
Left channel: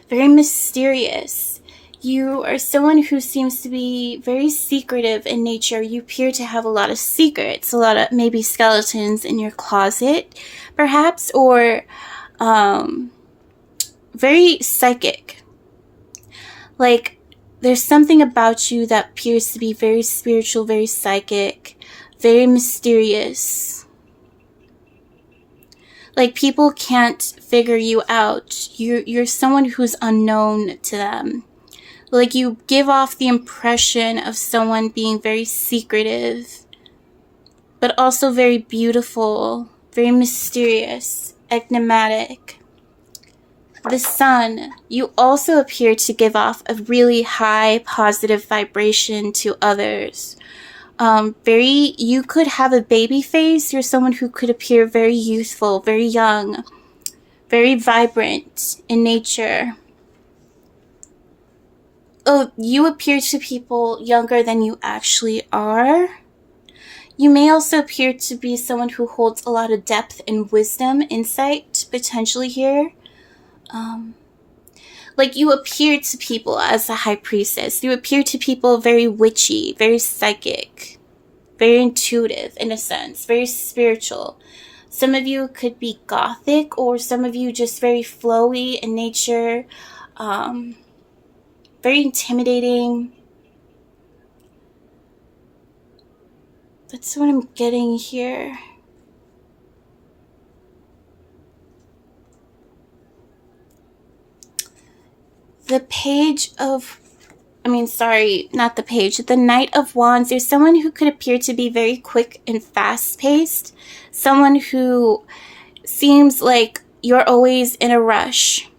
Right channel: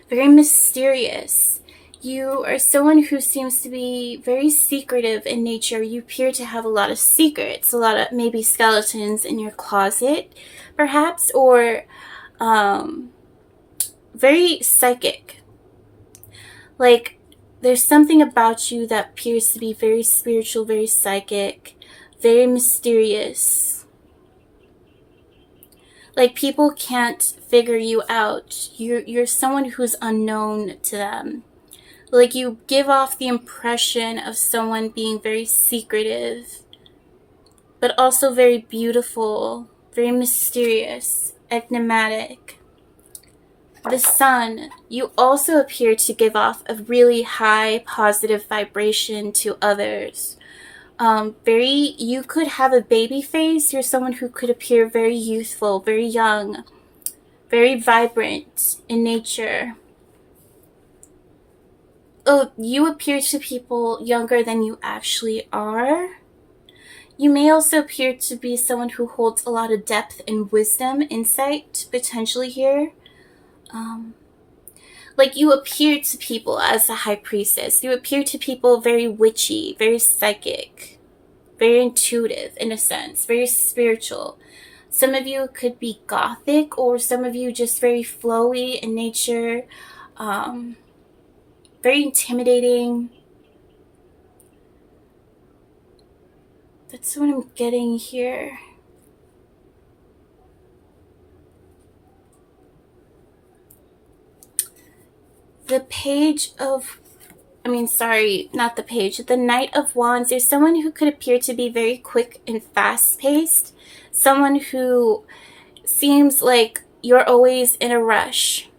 very mysterious. You are someone who seems to be very secretive in nature. You appear to have a lot of secrets, a lot of maybe skeletons in your closet, perhaps, or very psychic. Like, there's something about you that appears to be very spiritual, very psychic, very mysterious. Like, people can't figure you out. You're someone who's unknown to them. Like, you give off the impression of someone being very secretive, but also very beautiful, very mysterious, enigmatic. The Sun, you also appear to give off a really high positive vibration to others. You could have a baby face. You're someone who could appear very youthful, very young, very vibrant in nature. Oh, you appear to people younger than you actually are. You may also appear to be someone who holds a lot of depth and wisdom, insight, potentially here. Like, you appear to people as a High Priestess. You appear to people very witchy, very psychic, very intuitive in a sense, very spiritual. Some of you could be gothic, or some of you just very flowy in nature, very intimidating. That's what I'm getting here. The Knight of Wands, there's someone who could appear to be very quick and fast-paced. Someone who seems like you're always in a rush.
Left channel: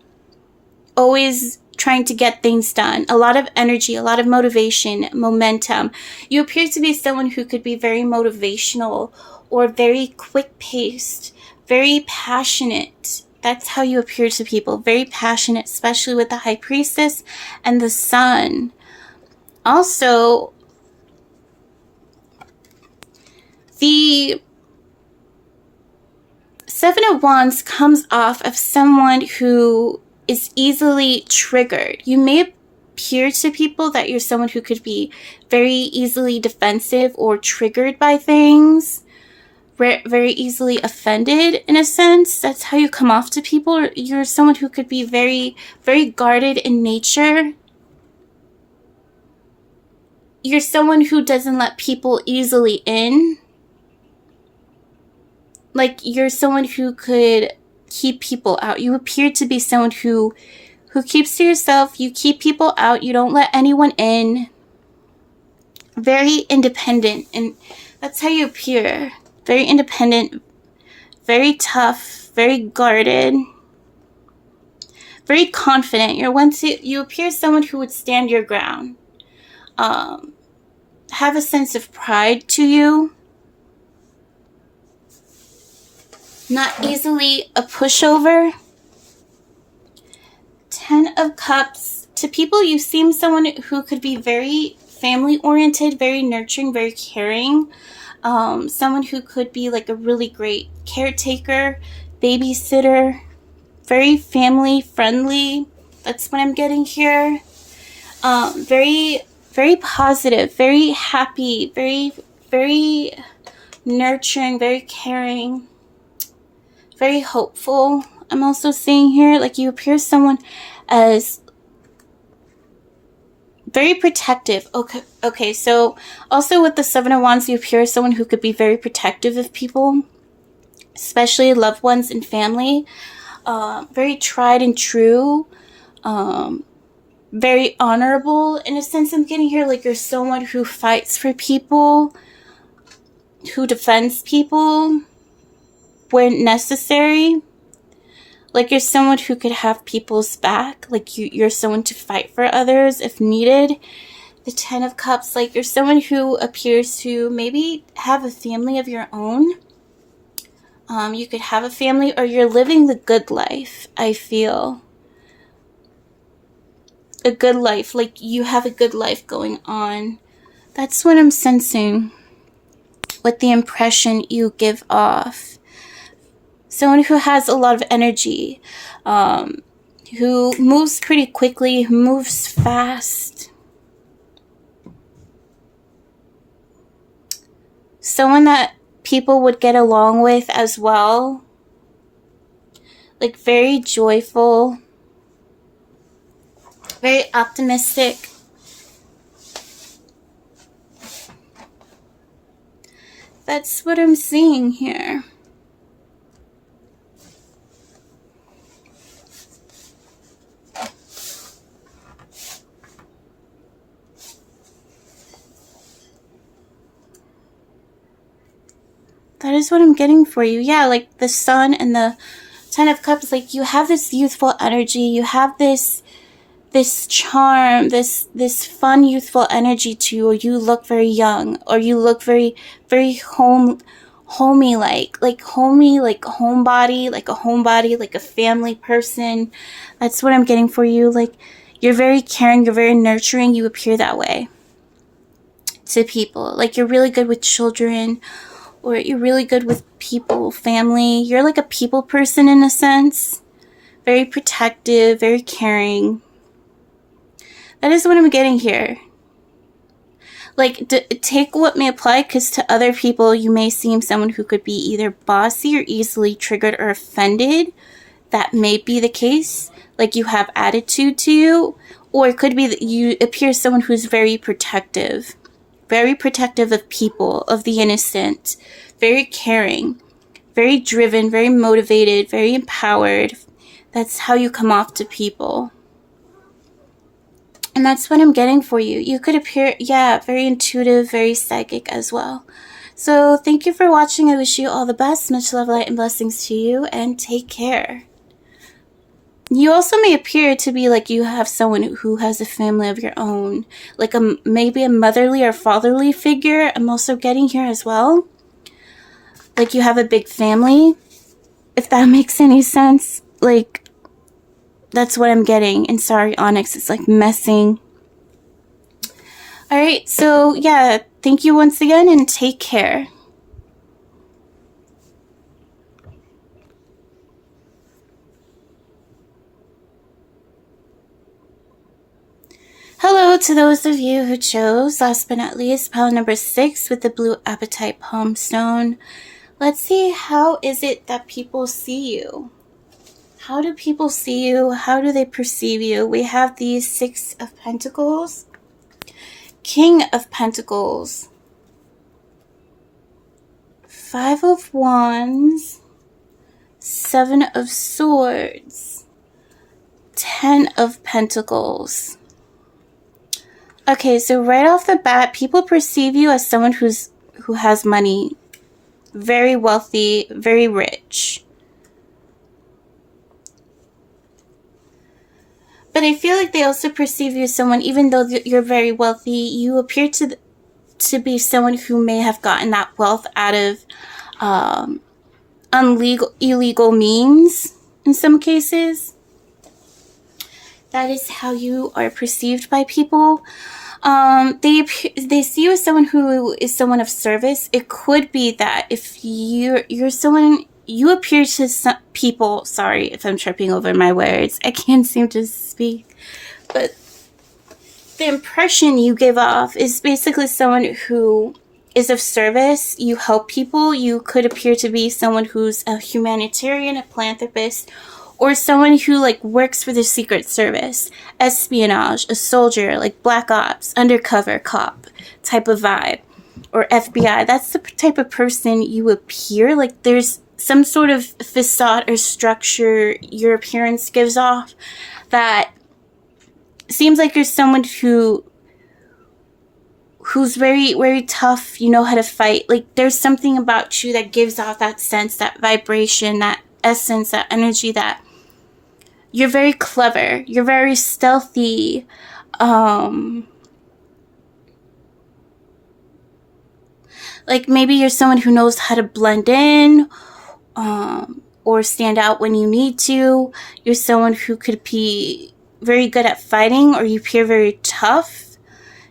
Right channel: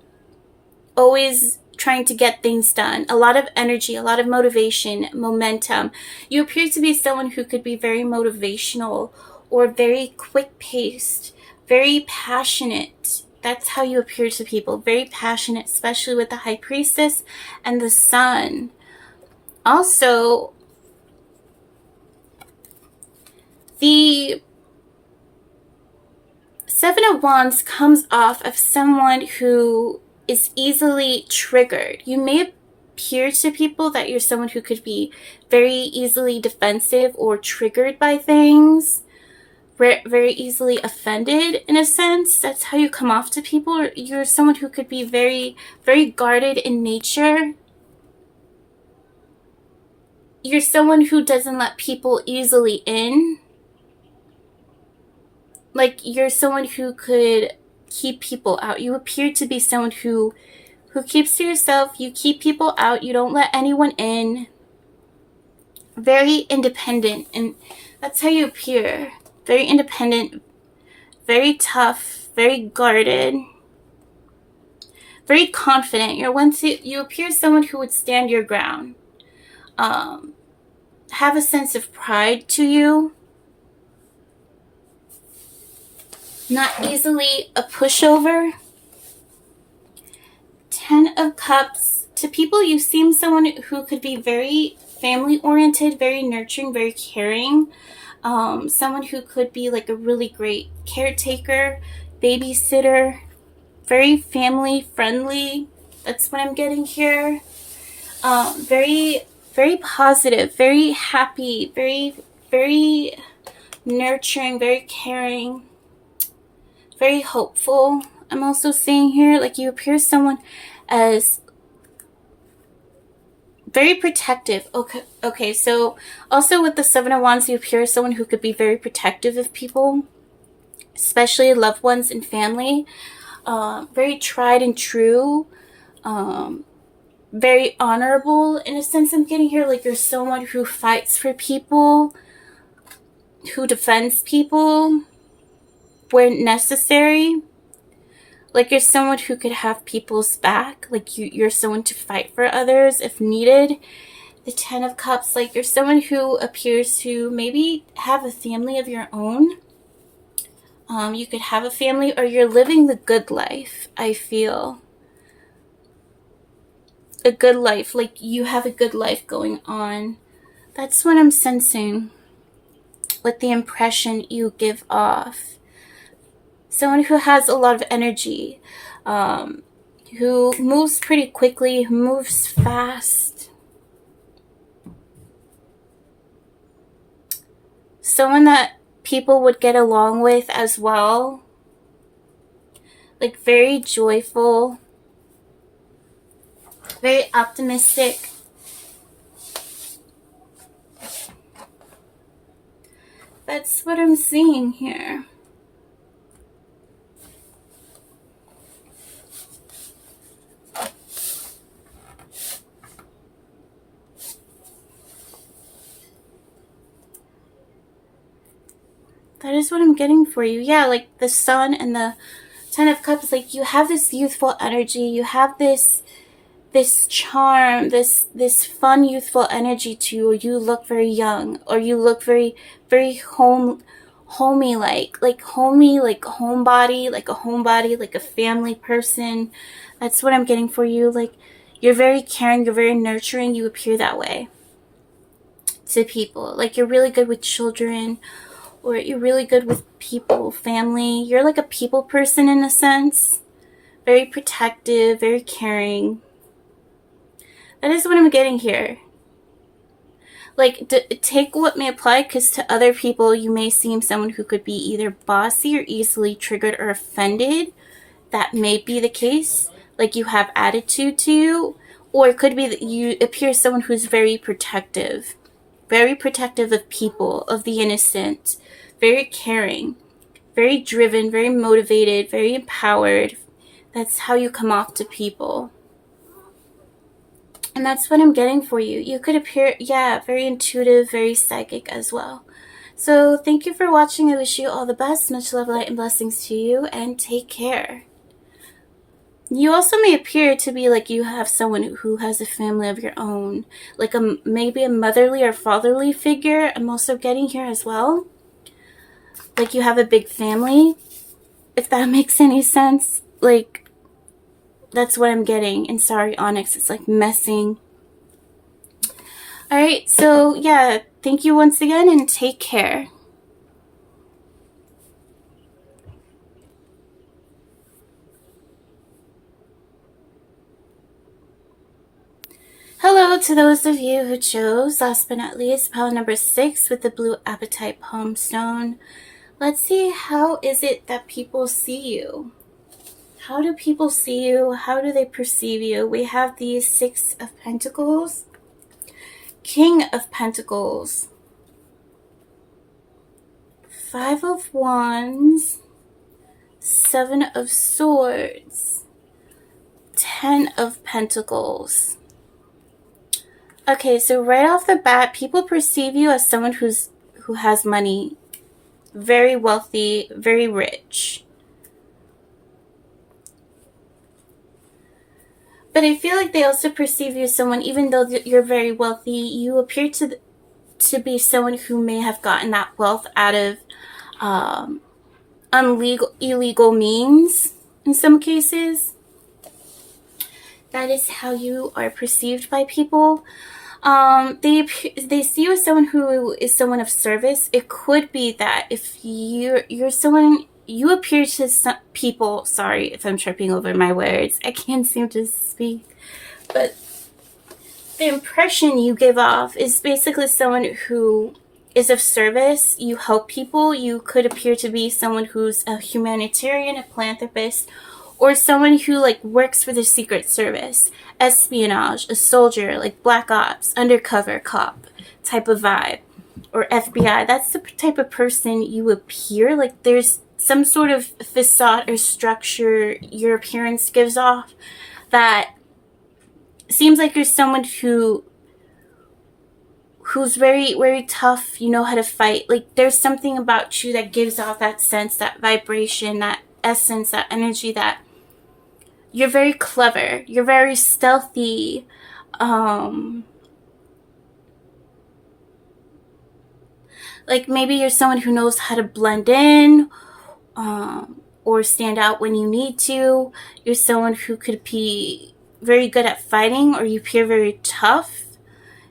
Always trying to get things done. A lot of energy, a lot of motivation, momentum. You appear to be someone who could be very motivational or very quick-paced, very passionate. That's how you appear to people. Very passionate, especially with the High Priestess and the Sun. Also, Seven of Wands comes off of someone who is easily triggered. You may appear to people that you're someone who could be very easily defensive or triggered by things, very easily offended in a sense. That's how you come off to people. You're someone who could be very, very guarded in nature. You're someone who doesn't let people easily in. Like, you're someone who could keep people out. You appear to be someone who keeps to yourself. You keep people out. You don't let anyone in. Very independent. And that's how you appear. Very independent. Very tough. Very guarded. Very confident. You appear someone who would stand your ground. Have a sense of pride to you. Not easily a pushover. 10 of Cups. To people, you seem someone who could be very family-oriented, very nurturing, very caring. Someone who could be like a really great caretaker, babysitter, very family-friendly. That's what I'm getting here. Very, very positive, very happy, very, very nurturing, very caring. Very hopeful. I'm also seeing here, like, you appear someone as very protective. Okay, so also with the Seven of Wands, you appear as someone who could be very protective of people, especially loved ones and family. Very tried and true. Very honorable. In a sense, I'm getting here, like, you're someone who fights for people, who defends people where necessary. Like, you're someone who could have people's back. Like, you're someone to fight for others if needed. The 10 of Cups, like, you're someone who appears to maybe have a family of your own. You could have a family, or you're living the good life, I feel. A good life. Like, you have a good life going on. That's what I'm sensing with the impression you give off. Someone who has a lot of energy, who moves pretty quickly, who moves fast. Someone that people would get along with as well. Like, very joyful, very optimistic. That's what I'm seeing here. That is what I'm getting for you. Yeah, like the Sun and the 10 of Cups, like, you have this youthful energy. You have this charm, this fun youthful energy to you. Or you look very young, or you look very, very homey, like homey, like homebody, like a homebody, like a family person. That's what I'm getting for you. Like, you're very caring, you're very nurturing. You appear that way to people. Like, you're really good with children, or you're really good with people, family. You're like a people person in a sense. Very protective, very caring. That is what I'm getting here. Like, take what may apply, because to other people, you may seem someone who could be either bossy or easily triggered or offended. That may be the case. Like, you have attitude to you. Or it could be that you appear someone who's very protective. Very protective of people, of the innocent. Very caring. Very driven, very motivated, very empowered. That's how you come off to people. And that's what I'm getting for you. You could appear, yeah, very intuitive, very psychic as well. So thank you for watching. I wish you all the best. Much love, light, and blessings to you. And take care. You also may appear to be like you have someone who has a family of your own. Like maybe a motherly or fatherly figure. I'm also getting here as well. Like you have a big family. If that makes any sense. Like, that's what I'm getting. And sorry, Onyx, it's like messing. Alright, so yeah, thank you once again and take care. Hello to those of you who chose, last but not least, pile number 6 with the Blue Apatite Palm Stone. Let's see, how is it that people see you? How do people see you? How do they perceive you? We have the 6 of Pentacles, King of Pentacles, 5 of Wands, 7 of Swords, 10 of Pentacles. Okay, so right off the bat, people perceive you as someone who has money, very wealthy, very rich. But I feel like they also perceive you as someone, even though you're very wealthy, you appear to be someone who may have gotten that wealth out of illegal means in some cases. That is how you are perceived by people. They see you as someone who is someone of service. It could be that if you're someone, you appear to some people, sorry if I'm tripping over my words, I can't seem to speak, but the impression you give off is basically someone who is of service. You help people. You could appear to be someone who's a humanitarian, a philanthropist, or someone who like works for the Secret Service, espionage, a soldier, like Black Ops, undercover cop type of vibe, or FBI. That's the type of person you appear. Like there's some sort of facade or structure your appearance gives off that seems like you're someone who's very, very tough. You know how to fight. Like there's something about you that gives off that sense, that vibration, that essence, that energy, that you're very clever, you're very stealthy, like maybe you're someone who knows how to blend in, or stand out when you need to. You're someone who could be very good at fighting, or you appear very tough.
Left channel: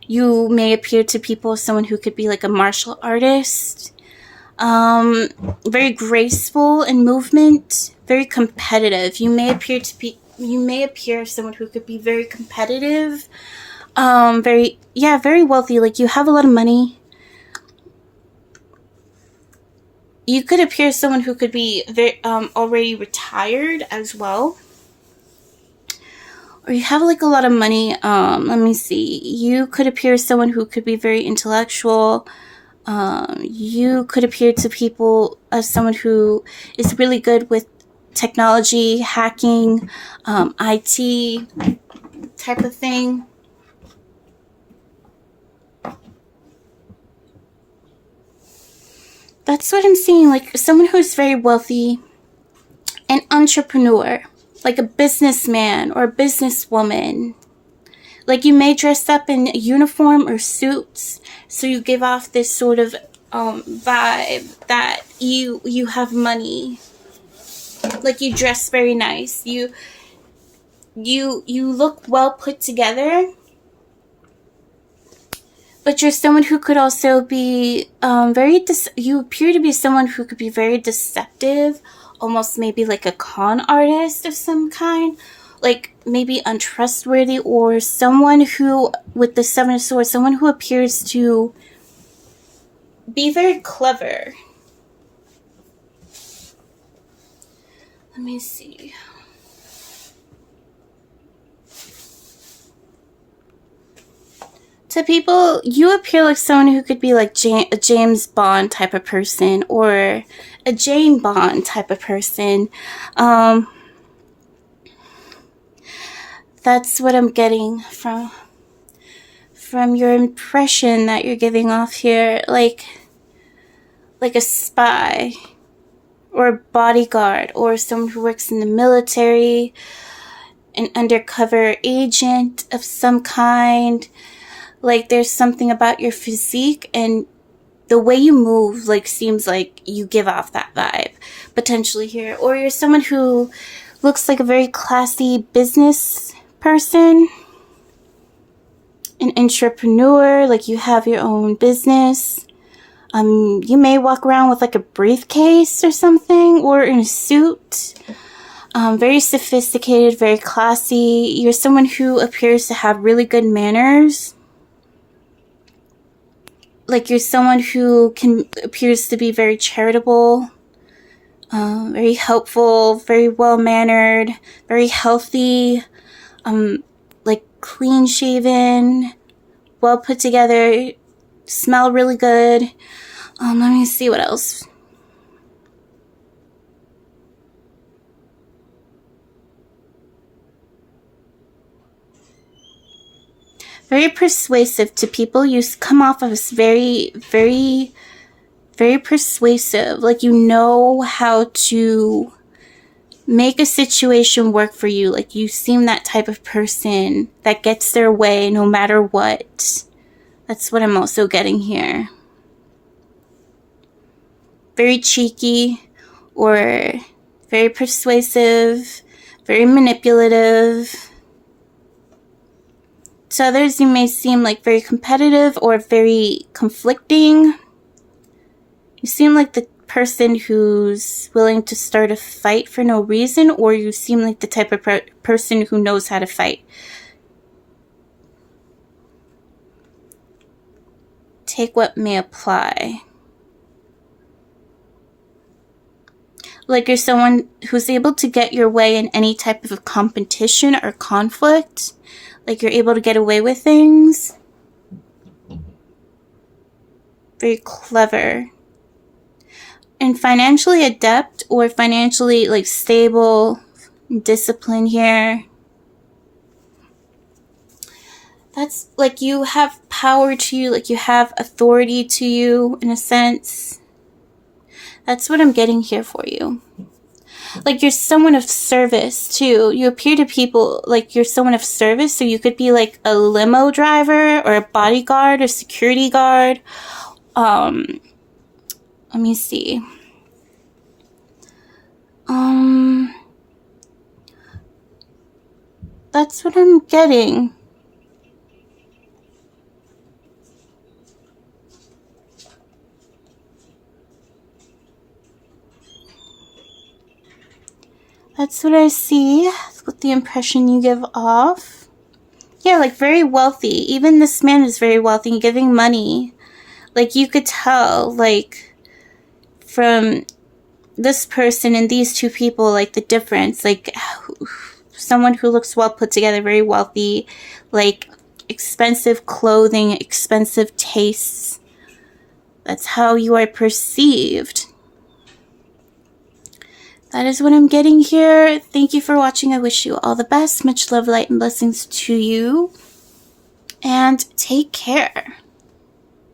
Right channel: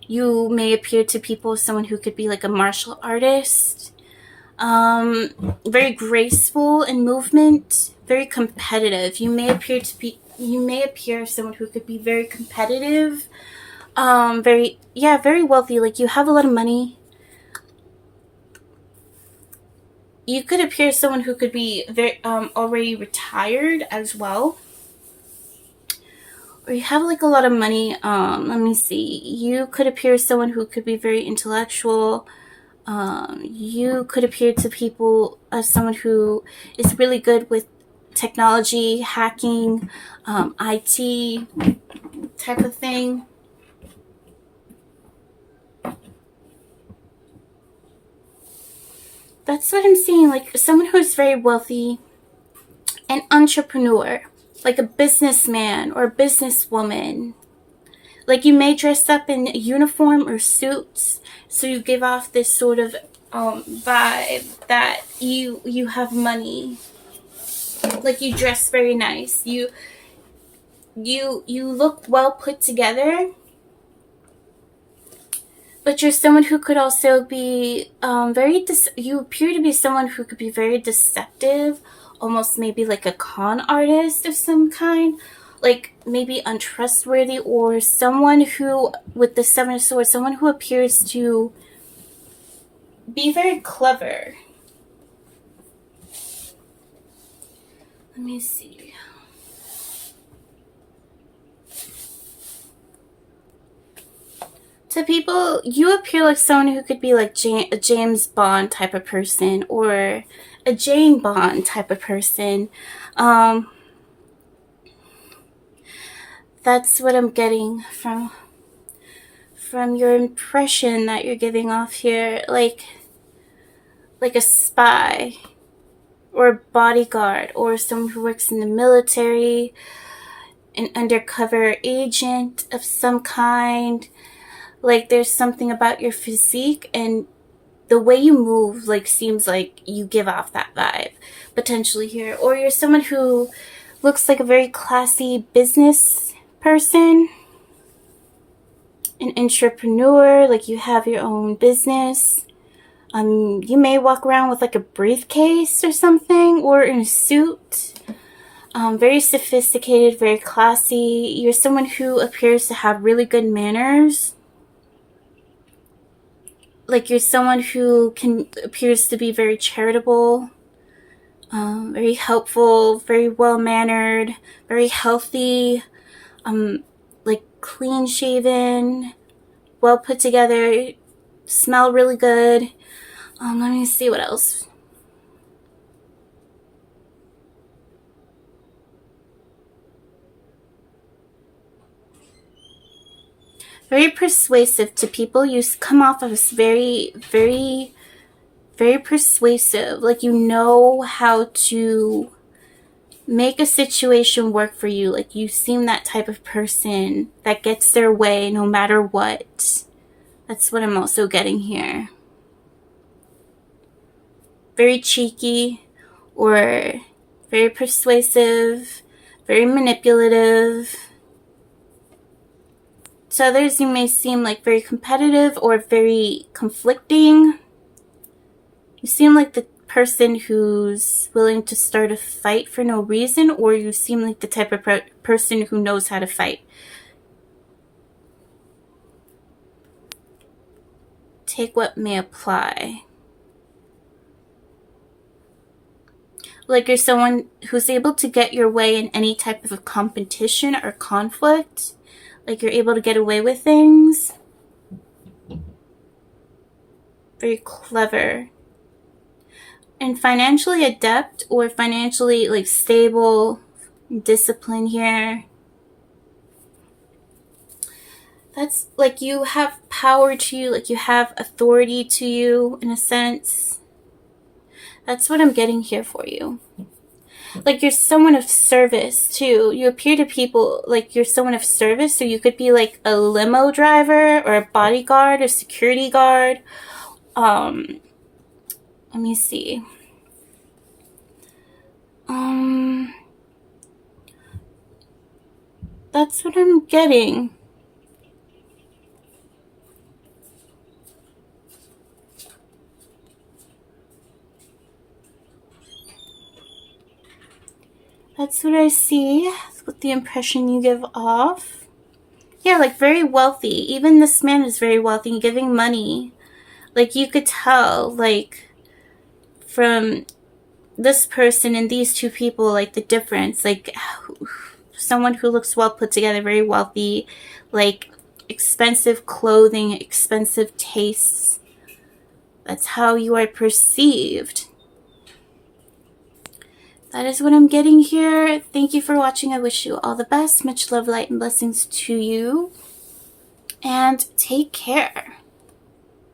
You may appear to people as someone who could be like a martial artist, very graceful in movement, very competitive. You may appear as someone who could be very competitive, very wealthy. Like you have a lot of money. You could appear as someone who could be very already retired as well, or you have like a lot of money. Let me see. You could appear as someone who could be very intellectual. You could appear to people as someone who is really good with technology, hacking, IT type of thing. That's what I'm seeing, like someone who's very wealthy, an entrepreneur, like a businessman or a businesswoman. Like you may dress up in uniform or suits, so you give off this sort of vibe that you have money. Like you dress very nice. You look well put together. But you're someone who could also be you appear to be someone who could be very deceptive, almost maybe like a con artist of some kind. Like maybe untrustworthy, or someone who, with the 7 of Swords, someone who appears to be very clever. Let me see. To people, you appear like someone who could be like a James Bond type of person, or a Jane Bond type of person. That's what I'm getting from your impression that you're giving off here, like a spy, or a bodyguard, or someone who works in the military, an undercover agent of some kind. Like there's something about your physique and the way you move, like seems like you give off that vibe potentially here. Or you're someone who looks like a very classy business person, an entrepreneur, like you have your own business. You may walk around with like a briefcase or something, or in a suit. Very sophisticated, very classy. You're someone who appears to have really good manners. Like you're someone who appears to be very charitable, very helpful, very well-mannered, very healthy, like clean-shaven, well put together, smell really good. Let me see what else. Very persuasive to people. You come off as very, very, very persuasive. Like you know how to make a situation work for you. Like you seem that type of person that gets their way no matter what. That's what I'm also getting here. Very cheeky or very persuasive, very manipulative. To others, you may seem like very competitive or very conflicting. You seem like the person who's willing to start a fight for no reason, or you seem like the type of person who knows how to fight. Take what may apply. Like you're someone who's able to get your way in any type of competition or conflict. Like you're able to get away with things. Very clever. And financially adept or financially like stable, disciplined here. That's like you have power to you, like you have authority to you in a sense. That's what I'm getting here for you. Like you're someone of service too. You appear to people like you're someone of service. So you could be like a limo driver or a bodyguard or security guard. Let me see. That's what I'm getting. That's what I see. That's what the impression you give off. Yeah, like very wealthy. Even this man is very wealthy, giving money. Like you could tell, like from this person and these two people, like the difference. Like someone who looks well put together, very wealthy, like expensive clothing, expensive tastes. That's how you are perceived. That is what I'm getting here. Thank you for watching. I wish you all the best. Much love, light, and blessings to you. And take care.